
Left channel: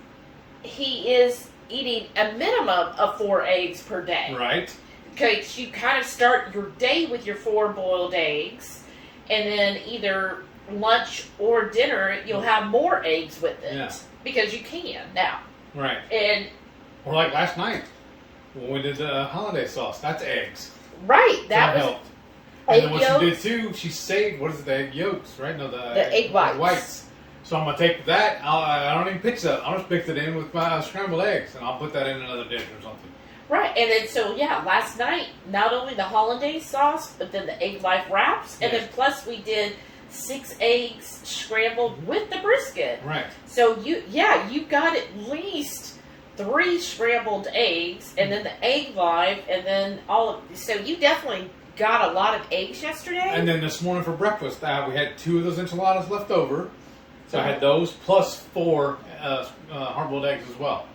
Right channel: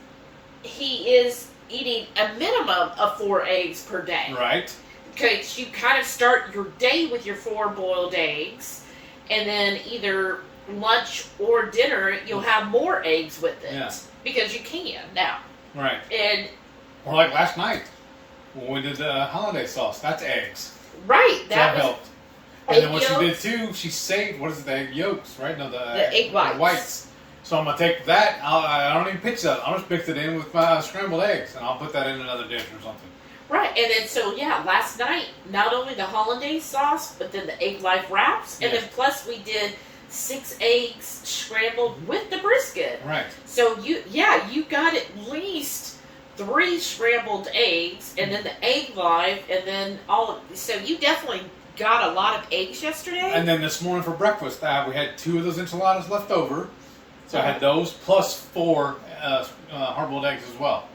he is eating a minimum of 4 eggs per day. Right. Because you kind of start your day with your 4 boiled eggs, and then either lunch or dinner, you'll have more eggs with it. Yeah. Because you can now. Right. And or like last night, when we did the holiday sauce, that's eggs. Right. That helped. And then what she did too, she saved, what is it, the egg yolks, right? No, the egg whites. The whites. So I'm going to take that, I don't even pitch that, I'll just mix it in with my scrambled eggs, and I'll put that in another dish or something. Right, and then so yeah, last night, not only the hollandaise sauce, but then the egg life wraps, and then plus we did 6 eggs scrambled with the brisket. Right. So you got at least 3 scrambled eggs, and then the egg life, and then so you definitely got a lot of eggs yesterday. And then this morning for breakfast, we had 2 of those enchiladas left over, so I had those plus 4 hard-boiled eggs as well.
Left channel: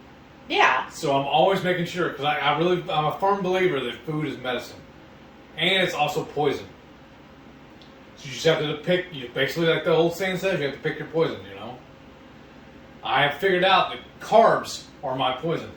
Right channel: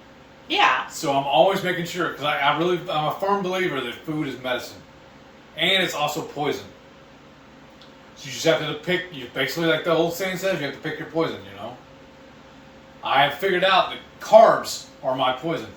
Yeah. So I'm always making sure, because I'm a firm believer that food is medicine. And it's also poison. So you just have to pick, basically like the old saying says, you have to pick your poison, you know. I have figured out that carbs are my poison.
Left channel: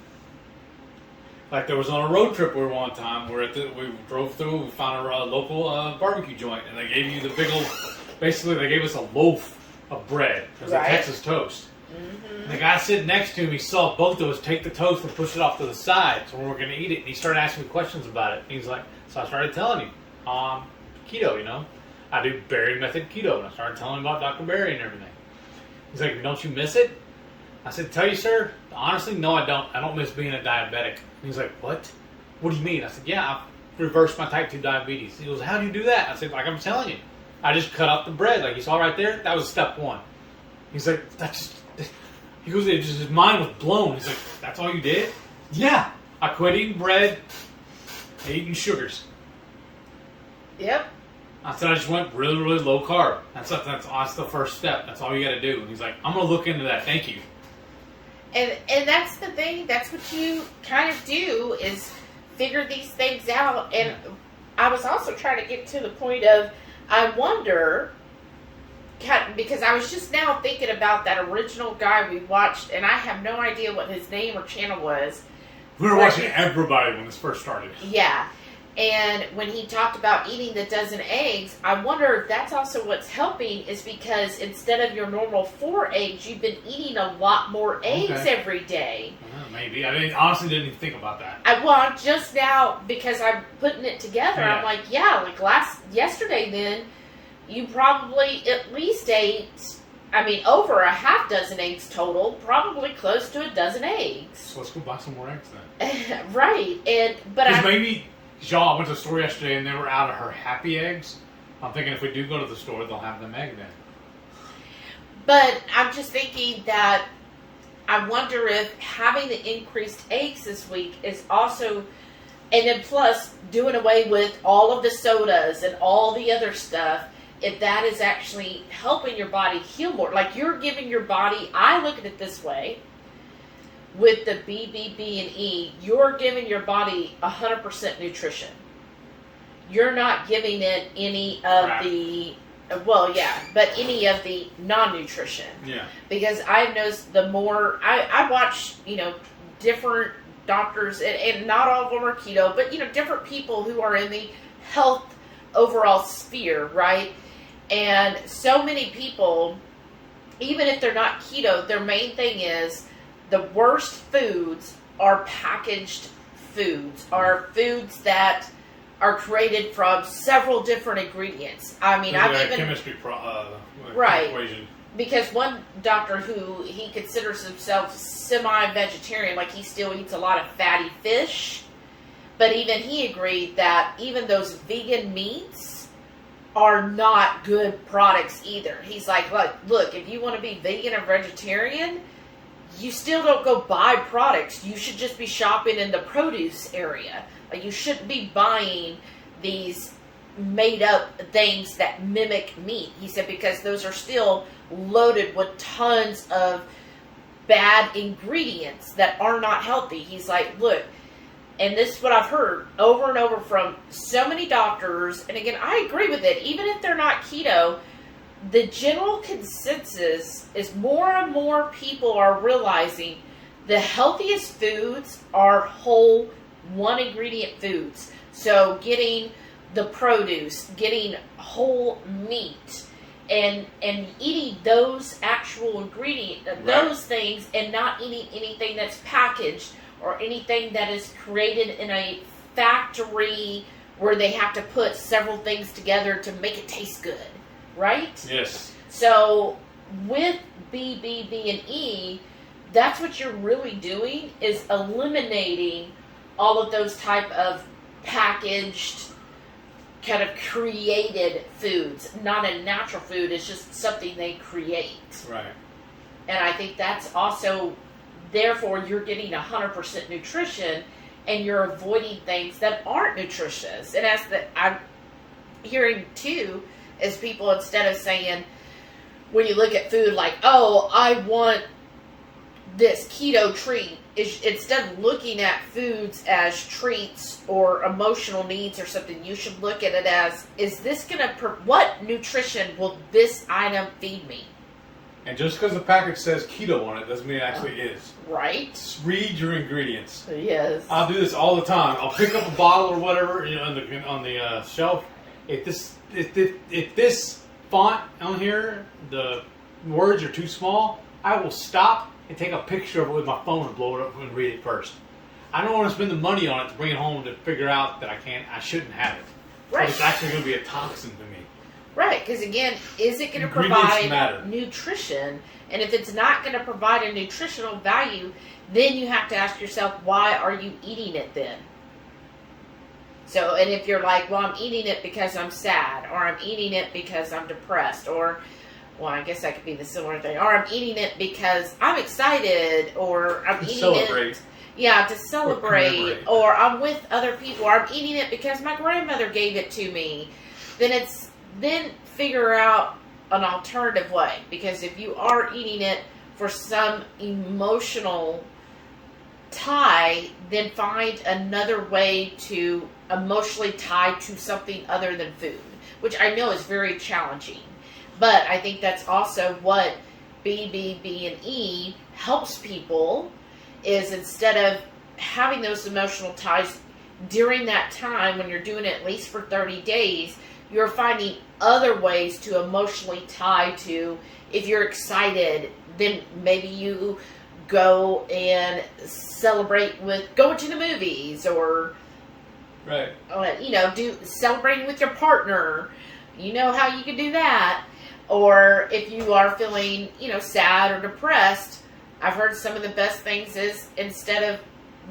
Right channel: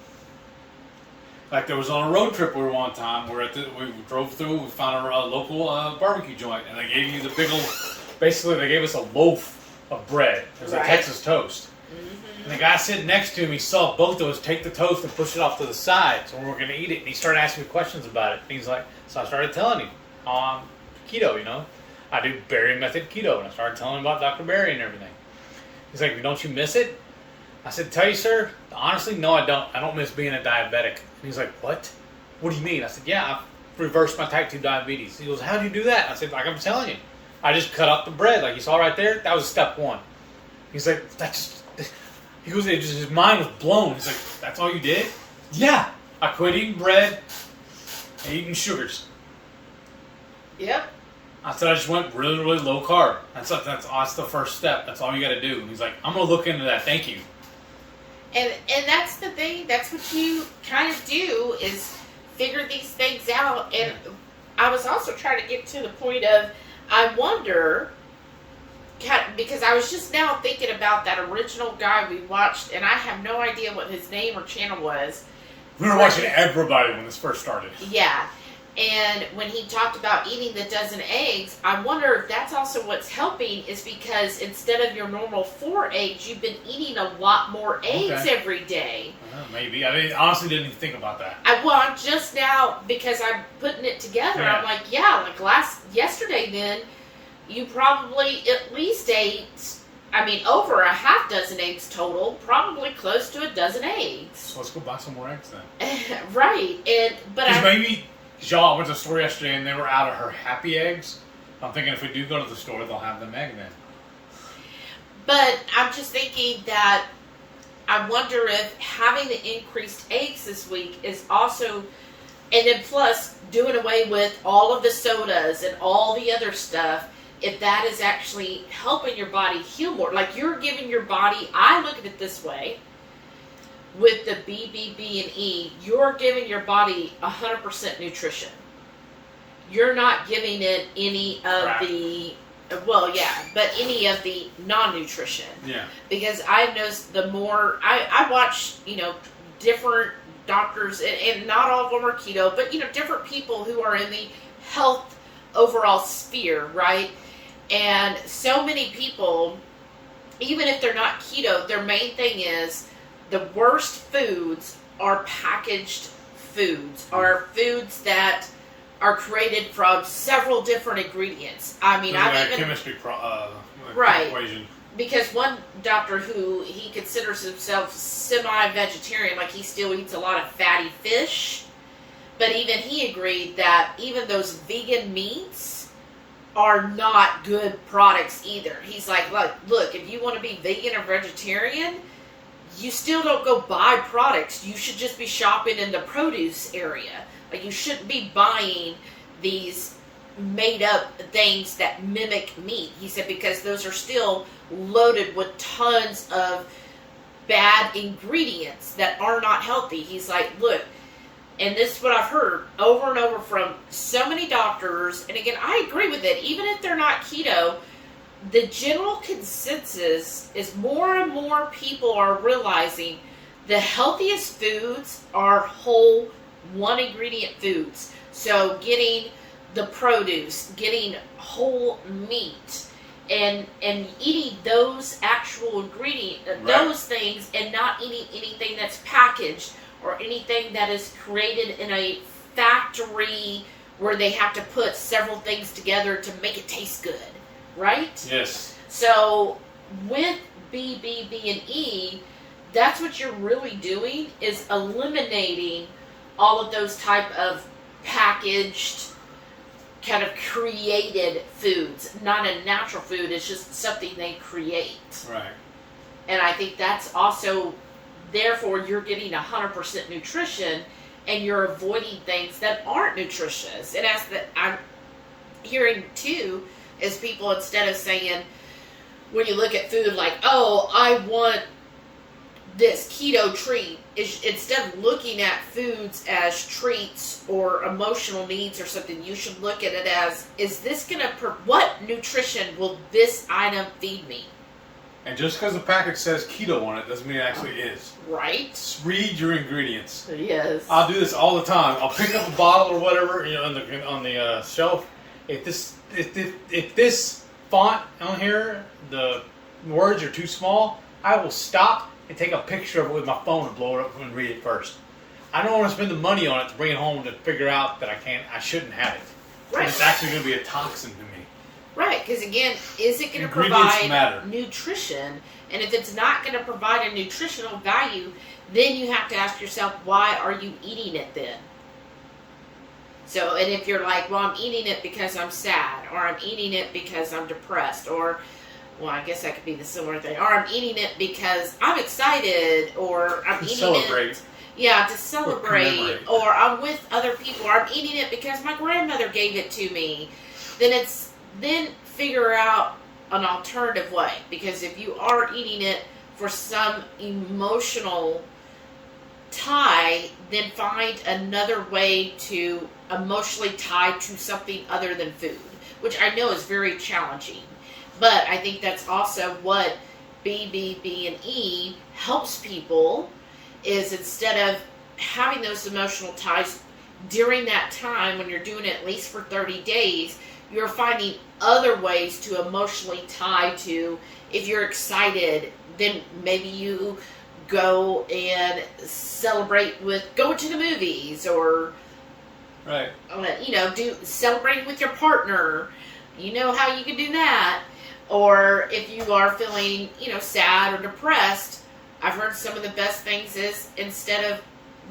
Like there was on a road trip we were one time, we drove through, we found a local barbecue joint, and they gave you the big old, basically they gave us a loaf of bread. It was a Texas toast. Mm-hmm. And the guy sitting next to him, he saw both of us take the toast and push it off to the side. So when we were going to eat it, and he started asking me questions about it. And he's like, so I started telling him how I'm keto, you know. I do Berry method keto, and I started telling him about Dr. Berry and everything. He's like, don't you miss it? I said, tell you, sir, honestly, no, I don't. I don't miss being a diabetic. And he's like, what? What do you mean? I said, yeah, I reversed my type 2 diabetes. He goes, how do you do that? I said, like I'm telling you. I just cut out the bread. Like you saw right there, that was step 1. He's like, he goes, his mind was blown. He's like, that's all you did? Yeah. I quit eating bread and eating sugars. Yep. I said I just went really, really low carb. That's the first step. That's all you got to do. He's like, I'm going to look into that. Thank you. And that's the thing. That's what you kind of do is figure these things out. And I was also trying to get to the point of, I wonder, because I was just now thinking about that original guy we watched, and I have no idea what his name or channel was. We were watching everybody when this first started. Yeah. And when he talked about eating the dozen eggs, I wonder if that's also what's helping is because instead of your normal 4 eggs, you've been eating a lot more eggs every day. Maybe. I mean, honestly didn't even think about that. I'm just now, because I'm putting it together, I'm like, yesterday then, you probably at least ate, over a half dozen eggs total, probably close to a dozen eggs. So let's go buy some more eggs then. Right. Because I went to the store yesterday and they were out of her happy eggs. I'm thinking if we do go to the store, they'll have them egg then. But I'm just thinking that I wonder if having the increased eggs this week is also, and then plus doing away with all of the sodas and all the other stuff, if that is actually helping your body heal more. Like you're giving your body, I look at it this way, with the BBBE, you're giving your body 100% nutrition. You're not giving it any of the, any of the non-nutrition. Yeah. Because I've noticed the more, I watch, different doctors, and not all of them are keto, but, different people who are in the health overall sphere, right? And so many people, even if they're not keto, their main thing is, the worst foods are packaged foods, are foods that are created from several different ingredients. I mean, I've even chemistry equation. because one doctor who he considers himself semi-vegetarian, like he still eats a lot of fatty fish, but even he agreed that even those vegan meats are not good products either. He's like, look, if you want to be vegan or vegetarian, you still don't go buy products. You should just be shopping in the produce area. Like, you shouldn't be buying these made up things that mimic meat. He said, because those are still loaded with tons of bad ingredients that are not healthy. He's like, look, and this is what I've heard over and over from so many doctors, and again, I agree with it, even if they're not keto, the general consensus is more and more people are realizing the healthiest foods are whole, one ingredient foods. So getting the produce, getting whole meat, and eating those actual ingredients, those things, and not eating anything that's packaged or anything that is created in a factory where they have to put several things together to make it taste good, right? Yes. So with BBBE, that's what you're really doing, is eliminating all of those type of packaged, kind of created foods. Not a natural food, it's just something they create. Right. And I think that's also, therefore, you're getting 100% nutrition, and you're avoiding things that aren't nutritious. And as I'm hearing too, is people, instead of saying, when you look at food like, oh, I want this keto treat, instead of looking at foods as treats or emotional needs or something, you should look at it as, is this going to, what nutrition will this item feed me? And just because the package says keto on it doesn't mean it actually is. Right. Just read your ingredients. Yes. I'll do this all the time. I'll pick up a bottle or whatever, on the shelf. If this font on here, the words are too small, I will stop and take a picture of it with my phone and blow it up and read it first. I don't want to spend the money on it to bring it home to figure out that I shouldn't have it. Right. But it's actually going to be a toxin to me. Right, because again, is it going to provide nutrition? And if it's not going to provide a nutritional value, then you have to ask yourself, why are you eating it then? So, and if you're like, well, I'm eating it because I'm sad, or I'm eating it because I'm depressed, or, well, I guess that could be the similar thing, or I'm eating it because I'm excited, or I'm eating it. Yeah, to celebrate, or I'm with other people, or I'm eating it because my grandmother gave it to me. Then figure out an alternative way, because if you are eating it for some emotional tie, then find another way to emotionally tie to something other than food, which I know is very challenging. But I think that's also what BBBE helps people, is instead of having those emotional ties during that time when you're doing it at least for 30 days, you're finding other ways to emotionally tie to. If you're excited, then maybe you go and celebrate with going to the movies, or do celebrating with your partner. You know how you can do that. Or if you are feeling, sad or depressed, I've heard some of the best things is, instead of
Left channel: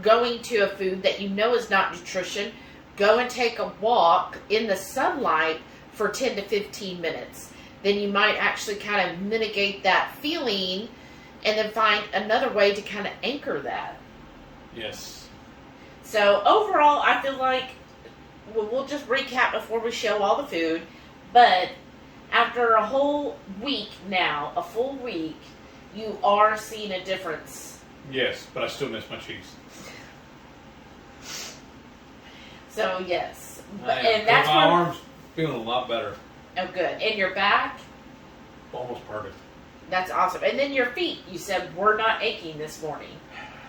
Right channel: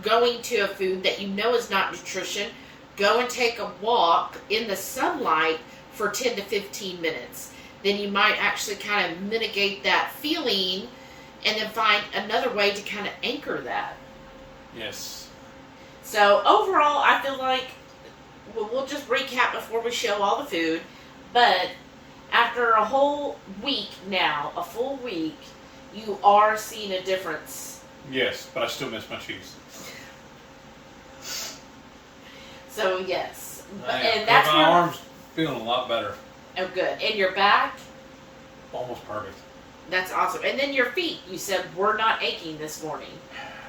going to a food that you know is not nutrition, go and take a walk in the sunlight for 10 to 15 minutes. Then you might actually kind of mitigate that feeling, and then find another way to kind of anchor that. Yes. So overall, I feel like we'll just recap before we show all the food. But after a whole week now, a full week, you are seeing a difference. Yes, but I still miss my cheese. So yes, and that's my arms feeling a lot better. Oh, good. And your back? Almost perfect. That's awesome. And then your feet, you said were not aching this morning.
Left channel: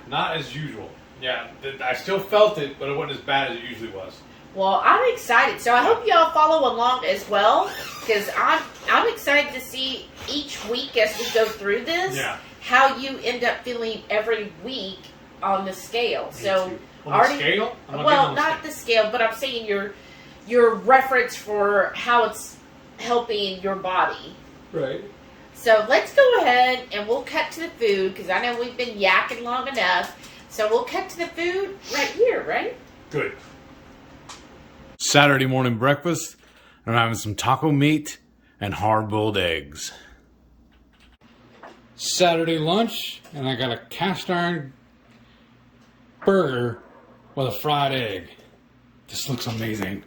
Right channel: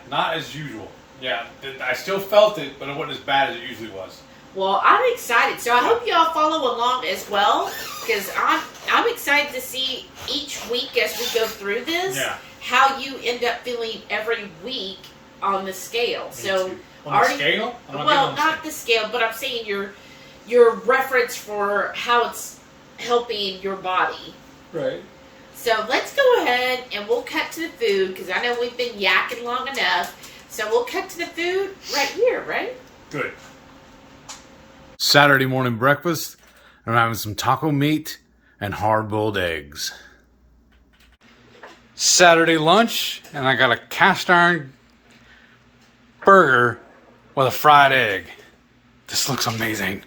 Not as usual. Yeah, I still felt it, but it wasn't as bad as it usually was. Well, I'm excited. So I hope y'all follow along as well, because I'm excited to see each week as we go through this, how you end up feeling every week on the scale. So on the scale? Well, not the scale, but I'm saying your reference for how it's helping your body. Right. So let's go ahead and we'll cut to the food because I know we've been yakking long enough. So we'll cut to the food right here, right? Good. Saturday morning breakfast. I'm having some taco meat and hard-boiled eggs. Saturday lunch, and I got a cast iron burger with a fried egg. This looks amazing.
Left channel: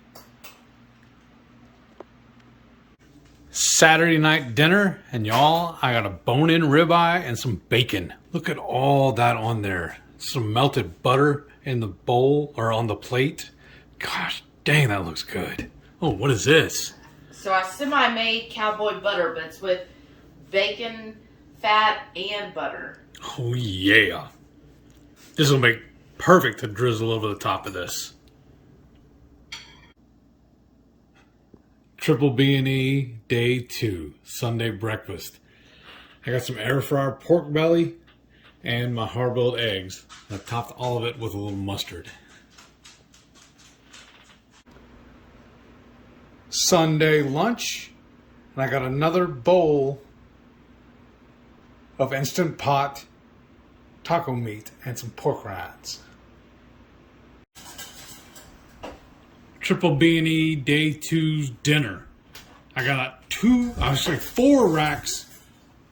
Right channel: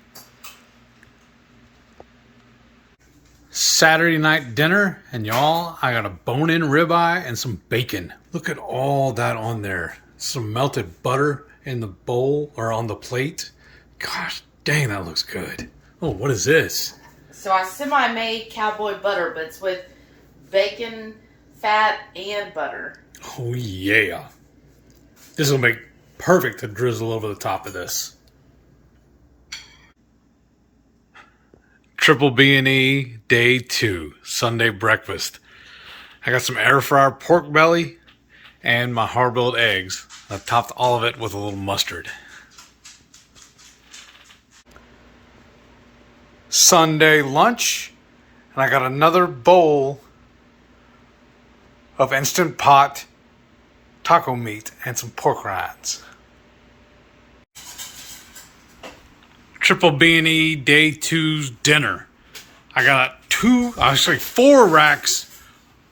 Saturday night dinner, and y'all, I got a bone-in ribeye and some bacon. Look at all that on there. Some melted butter in the bowl or on the plate. Gosh dang, that looks good. Oh, what is this? So I semi-made cowboy butter, but it's with bacon, fat, and butter. Oh yeah. This will make perfect to drizzle over the top of this. Triple B&E day 2, Sunday breakfast. I got some air fryer pork belly and my hard-boiled eggs. I topped all of it with a little mustard. Sunday lunch, and I got another bowl of Instant Pot taco meat and some pork rinds. Triple B&E day 2's dinner. I got 4 racks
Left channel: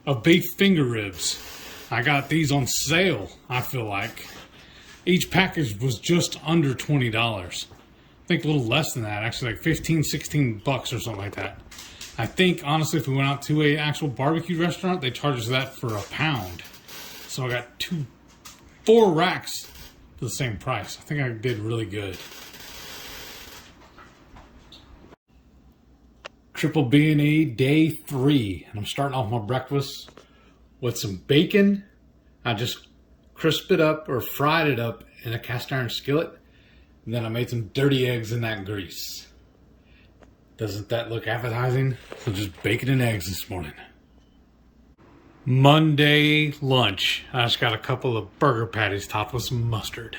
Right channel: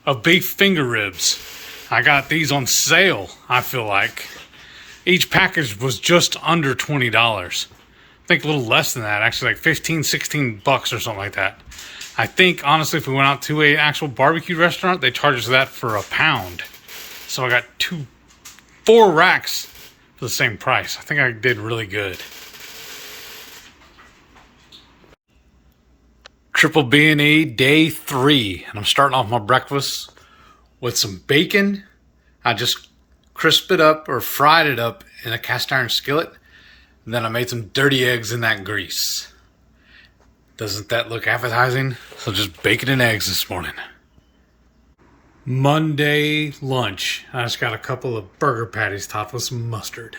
of beef finger ribs. I got these on sale, I feel like. Each package was just under $20. I think a little less than that, actually like 15, 16 bucks or something like that. I think, honestly, if we went out to an actual barbecue restaurant, they charge us that for £1. So I got 4 racks for the same price. I think I did really good. Triple B&E day 3, and I'm starting off my breakfast with some bacon. I just crisped it up or fried it up in a cast iron skillet. And then I made some dirty eggs in that grease. Doesn't that look appetizing? So just bacon and eggs this morning. Monday lunch. I just got a couple of burger patties topped with some mustard.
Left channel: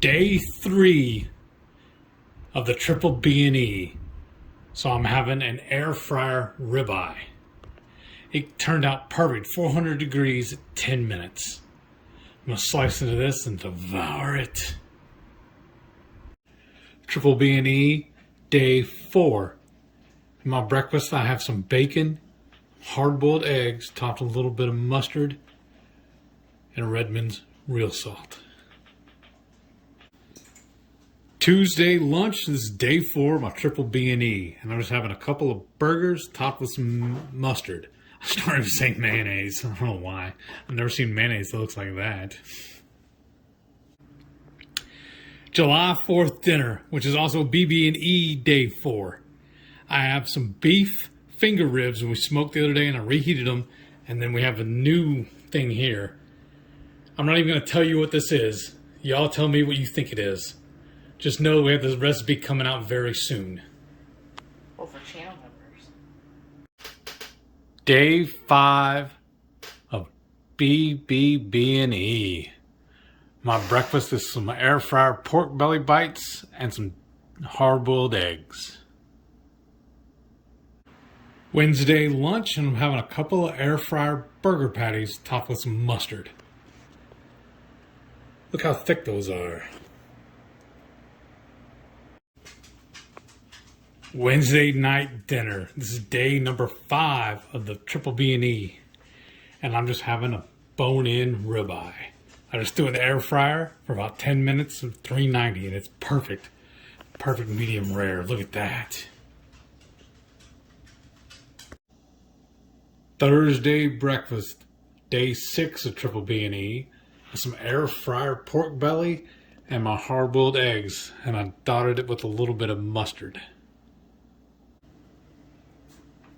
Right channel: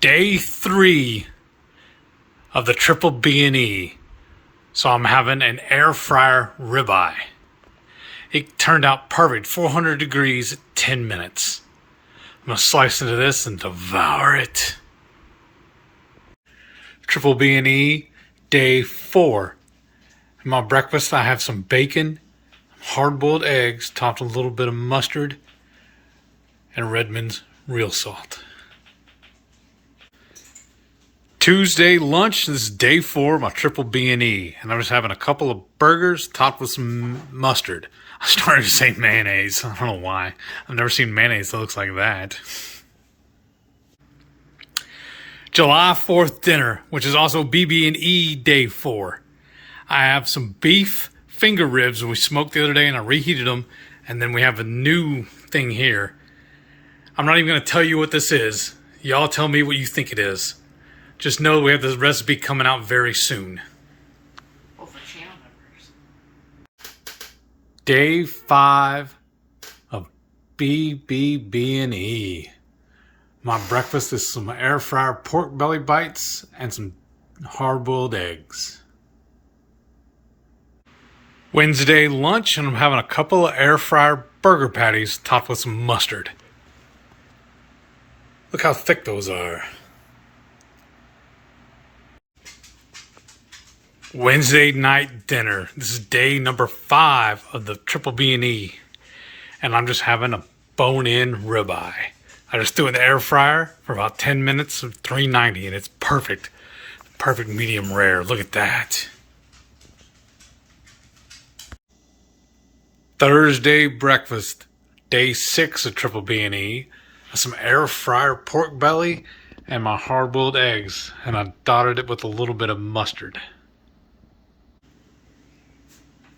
Day 3 of the Triple B&E. So I'm having an air fryer ribeye. It turned out perfect, 400 degrees at 10 minutes. I'm gonna slice into this and devour it. Triple B&E day 4. In my breakfast, I have some bacon, hard-boiled eggs, topped with a little bit of mustard, and Redmond's real salt. Tuesday lunch, this is day 4 of my Triple B&E, and I'm just having a couple of burgers topped with some mustard. I started to say mayonnaise. I don't know why. I've never seen mayonnaise that looks like that. July 4th dinner, which is also BB&E day 4. I have some beef finger ribs we smoked the other day and I reheated them. And then we have a new thing here. I'm not even going to tell you what this is. Y'all tell me what you think it is. Just know we have this recipe coming out very soon. Well, for channel members. Day 5 of BBBE. My breakfast is some air fryer pork belly bites and some hard-boiled eggs. Wednesday lunch, and I'm having a couple of air fryer burger patties topped with some mustard. Look how thick those are. Wednesday night dinner. This is day number 5 of the Triple B&E. And I'm just having a bone-in ribeye. I just threw it in the air fryer for about 10 minutes of 390 and it's perfect. Perfect medium rare. Look at that. Thursday breakfast. Day 6 of Triple B&E. Some air fryer pork belly and my hard-boiled eggs. And I dotted it with a little bit of mustard.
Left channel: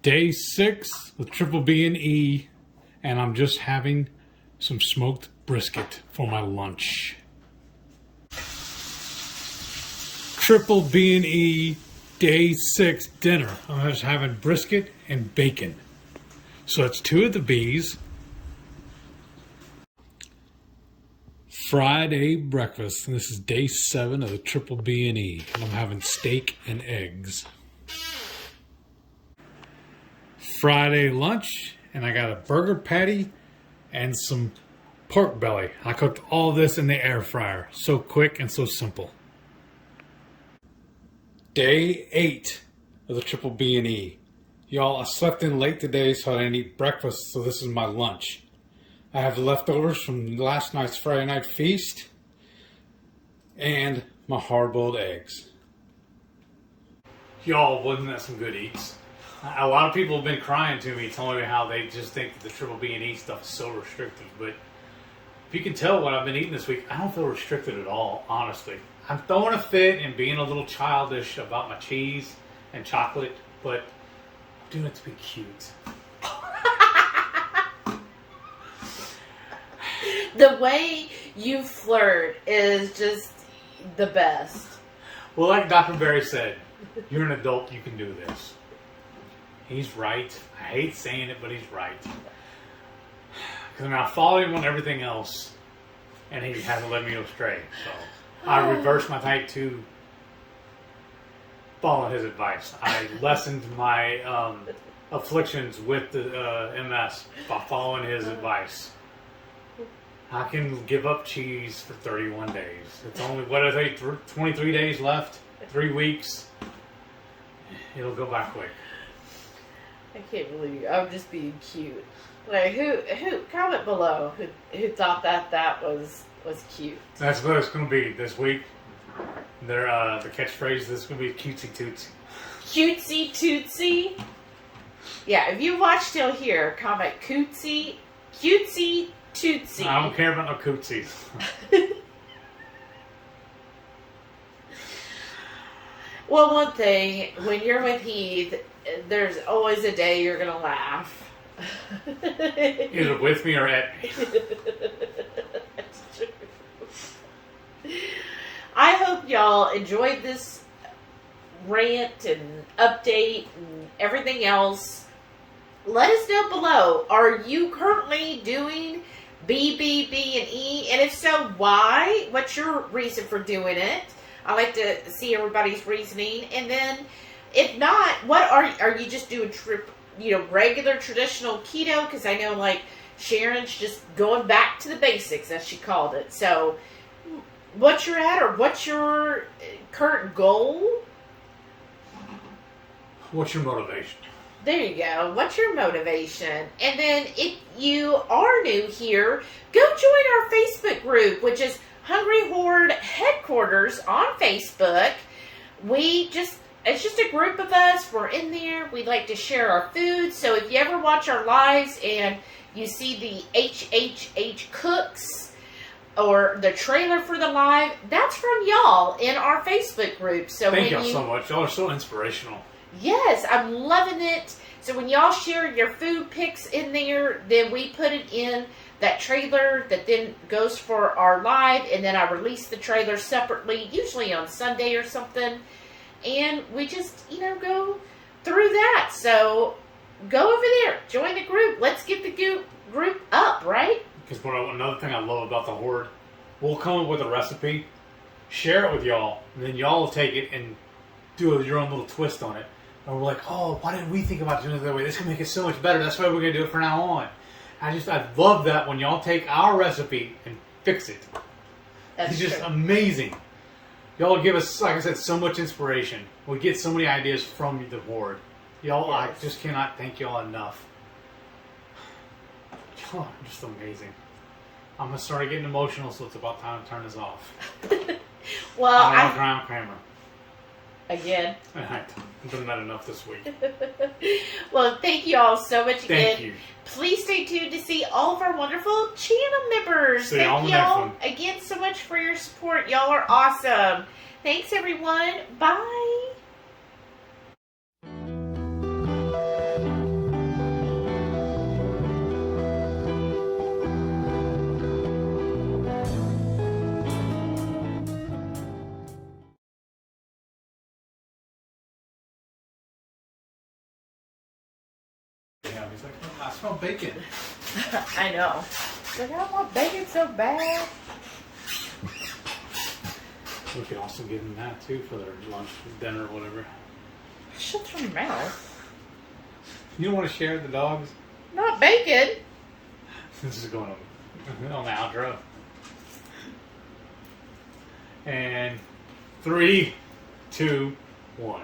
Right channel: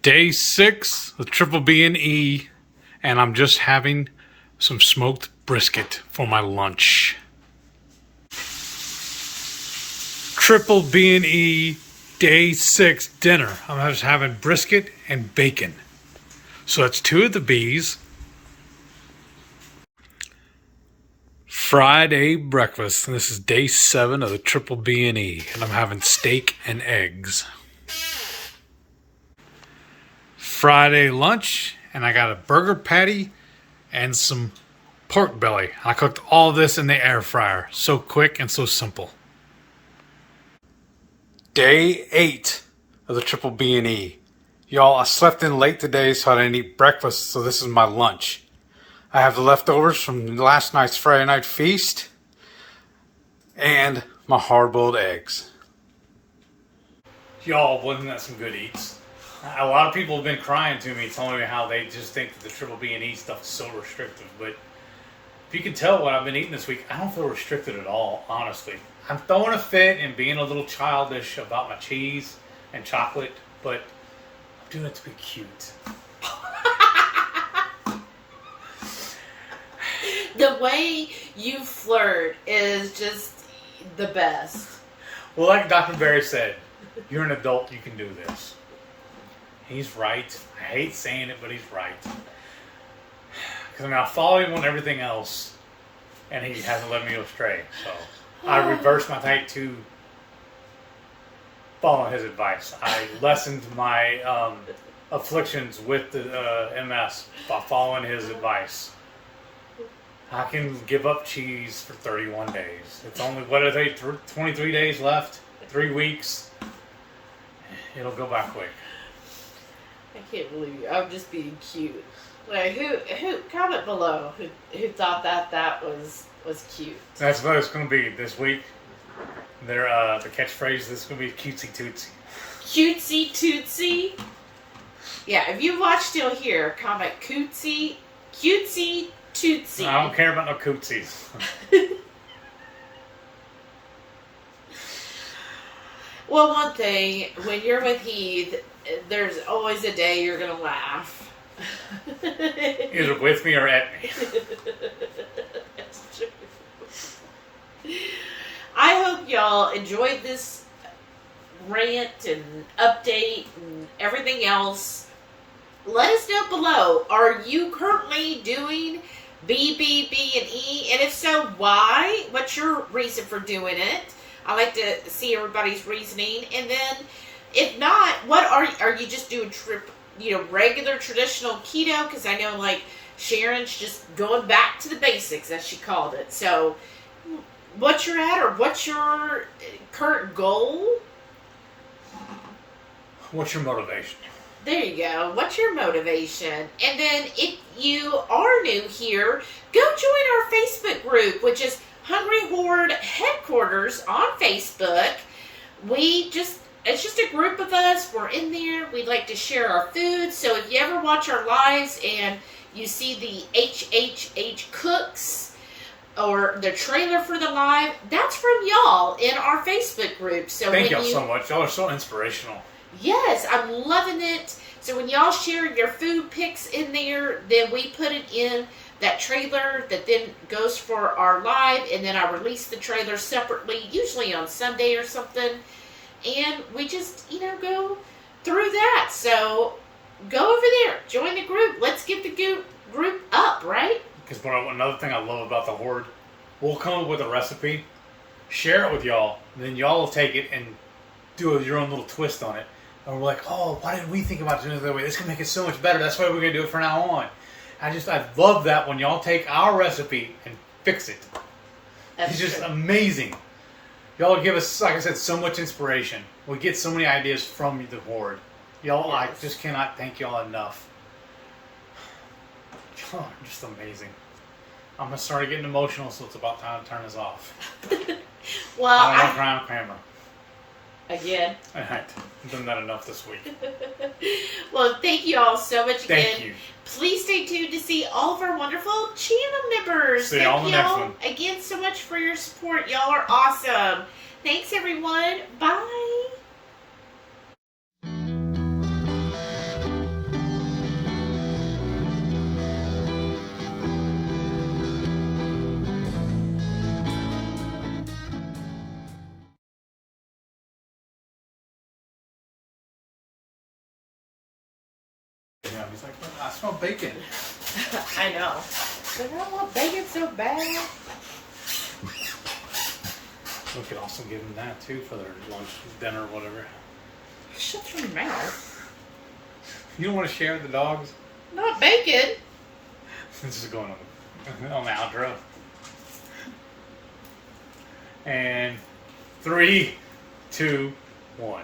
Day 6 of Triple B&E, and I'm just having some smoked brisket for my lunch. Triple B&E Day 6 dinner. I'm just having brisket and bacon. So that's 2 of the B's. Friday breakfast, and this is day 7 of the Triple B&E, and I'm having steak and eggs. Friday lunch, and I got a burger patty and some pork belly. I cooked all this in the air fryer. So quick and so simple. Day 8 of the Triple B&E. Y'all, I slept in late today, so I didn't eat breakfast, so this is my lunch. I have the leftovers from last night's Friday night feast and my hard-boiled eggs. Y'all, wasn't that some good eats? A lot of people have been crying to me, telling me how they just think that the Triple B&E stuff is so restrictive, but if you can tell what I've been eating this week, I don't feel restricted at all, honestly. I'm throwing a fit and being a little childish about my cheese and chocolate, but I'm doing it to be cute. The way you flirt is just the best. Well, like Dr. Barry said, you're an adult, you can do this. He's right. I hate saying it, but he's right. Because I follow him on everything else, and he hasn't let me go astray. So I reversed my type 2 following his advice. I lessened my afflictions with the MS by following his advice. I can give up cheese for 31 days. It's only, what are they, 23 days left? 3 weeks. It'll go back quick. I can't believe you. I'm just being cute. Like, who comment below who thought that was cute. That's what it's going to be this week. Their the catchphrase is going to be cutesy tootsie. Cutesy tootsie? Yeah, if you watch still here, comment cutesy tootsie. I don't care about no cootsies. Well, one thing, when you're with Heath, there's always a day you're going to laugh. Either with me or at me. That's true. I hope y'all enjoyed this rant and update and everything else. Let us know below. Are you currently doing BBBE? And if so, why? What's your reason for doing it? I like to see everybody's reasoning. And then, if not, what are you just doing regular traditional keto? Because I know, like, Sharon's just going back to the basics, as she called it. So, what's your at, or what's your current goal? What's your motivation? There you go. What's your motivation? And then, if you are new here, go join our Facebook group, which is HungryHorde Headquarters on Facebook. It's just a group of us. We're in there. We like to share our food. So if you ever watch our lives and you see the HHH Cooks or the trailer for the live, that's from y'all in our Facebook group. So thank y'all so much. Y'all are so inspirational. Yes, I'm loving it. So when y'all share your food pics in there, then we put it in that trailer that then goes for our live, and then I release the trailer separately, usually on Sunday or something. And we just, go through that. So go over there, join the group. Let's get the group up, right? Because another thing I love about the Horde, we'll come up with a recipe, share it with y'all, and then y'all will take it and do your own little twist on it. And we're like, oh, why didn't we think about doing it that way? This can make it so much better. That's why we're going to do it from now on. I love that when y'all take our recipe and fix it. It's just amazing. Y'all give us, like I said, so much inspiration. We get so many ideas from the Horde. Y'all, yes. I just cannot thank y'all enough. Y'all are just amazing. I'm going to start getting emotional, so it's about time to turn this off. Well, I'm Kramer. Again. All right. I've done that enough this week. Well, thank you all so much again. Thank you. Please stay tuned to see all of our wonderful channel members. See y'all on the next one. Again so much for your support. Y'all are awesome. Thanks, everyone. Bye. Yeah, he's like, oh, I smell bacon. I know. Like, I want bacon so bad. We could also give them that too for their lunch, dinner, whatever. Shut your mouth. You don't want to share with the dogs? Not bacon. This is going on the outro. And 3, 2, 1.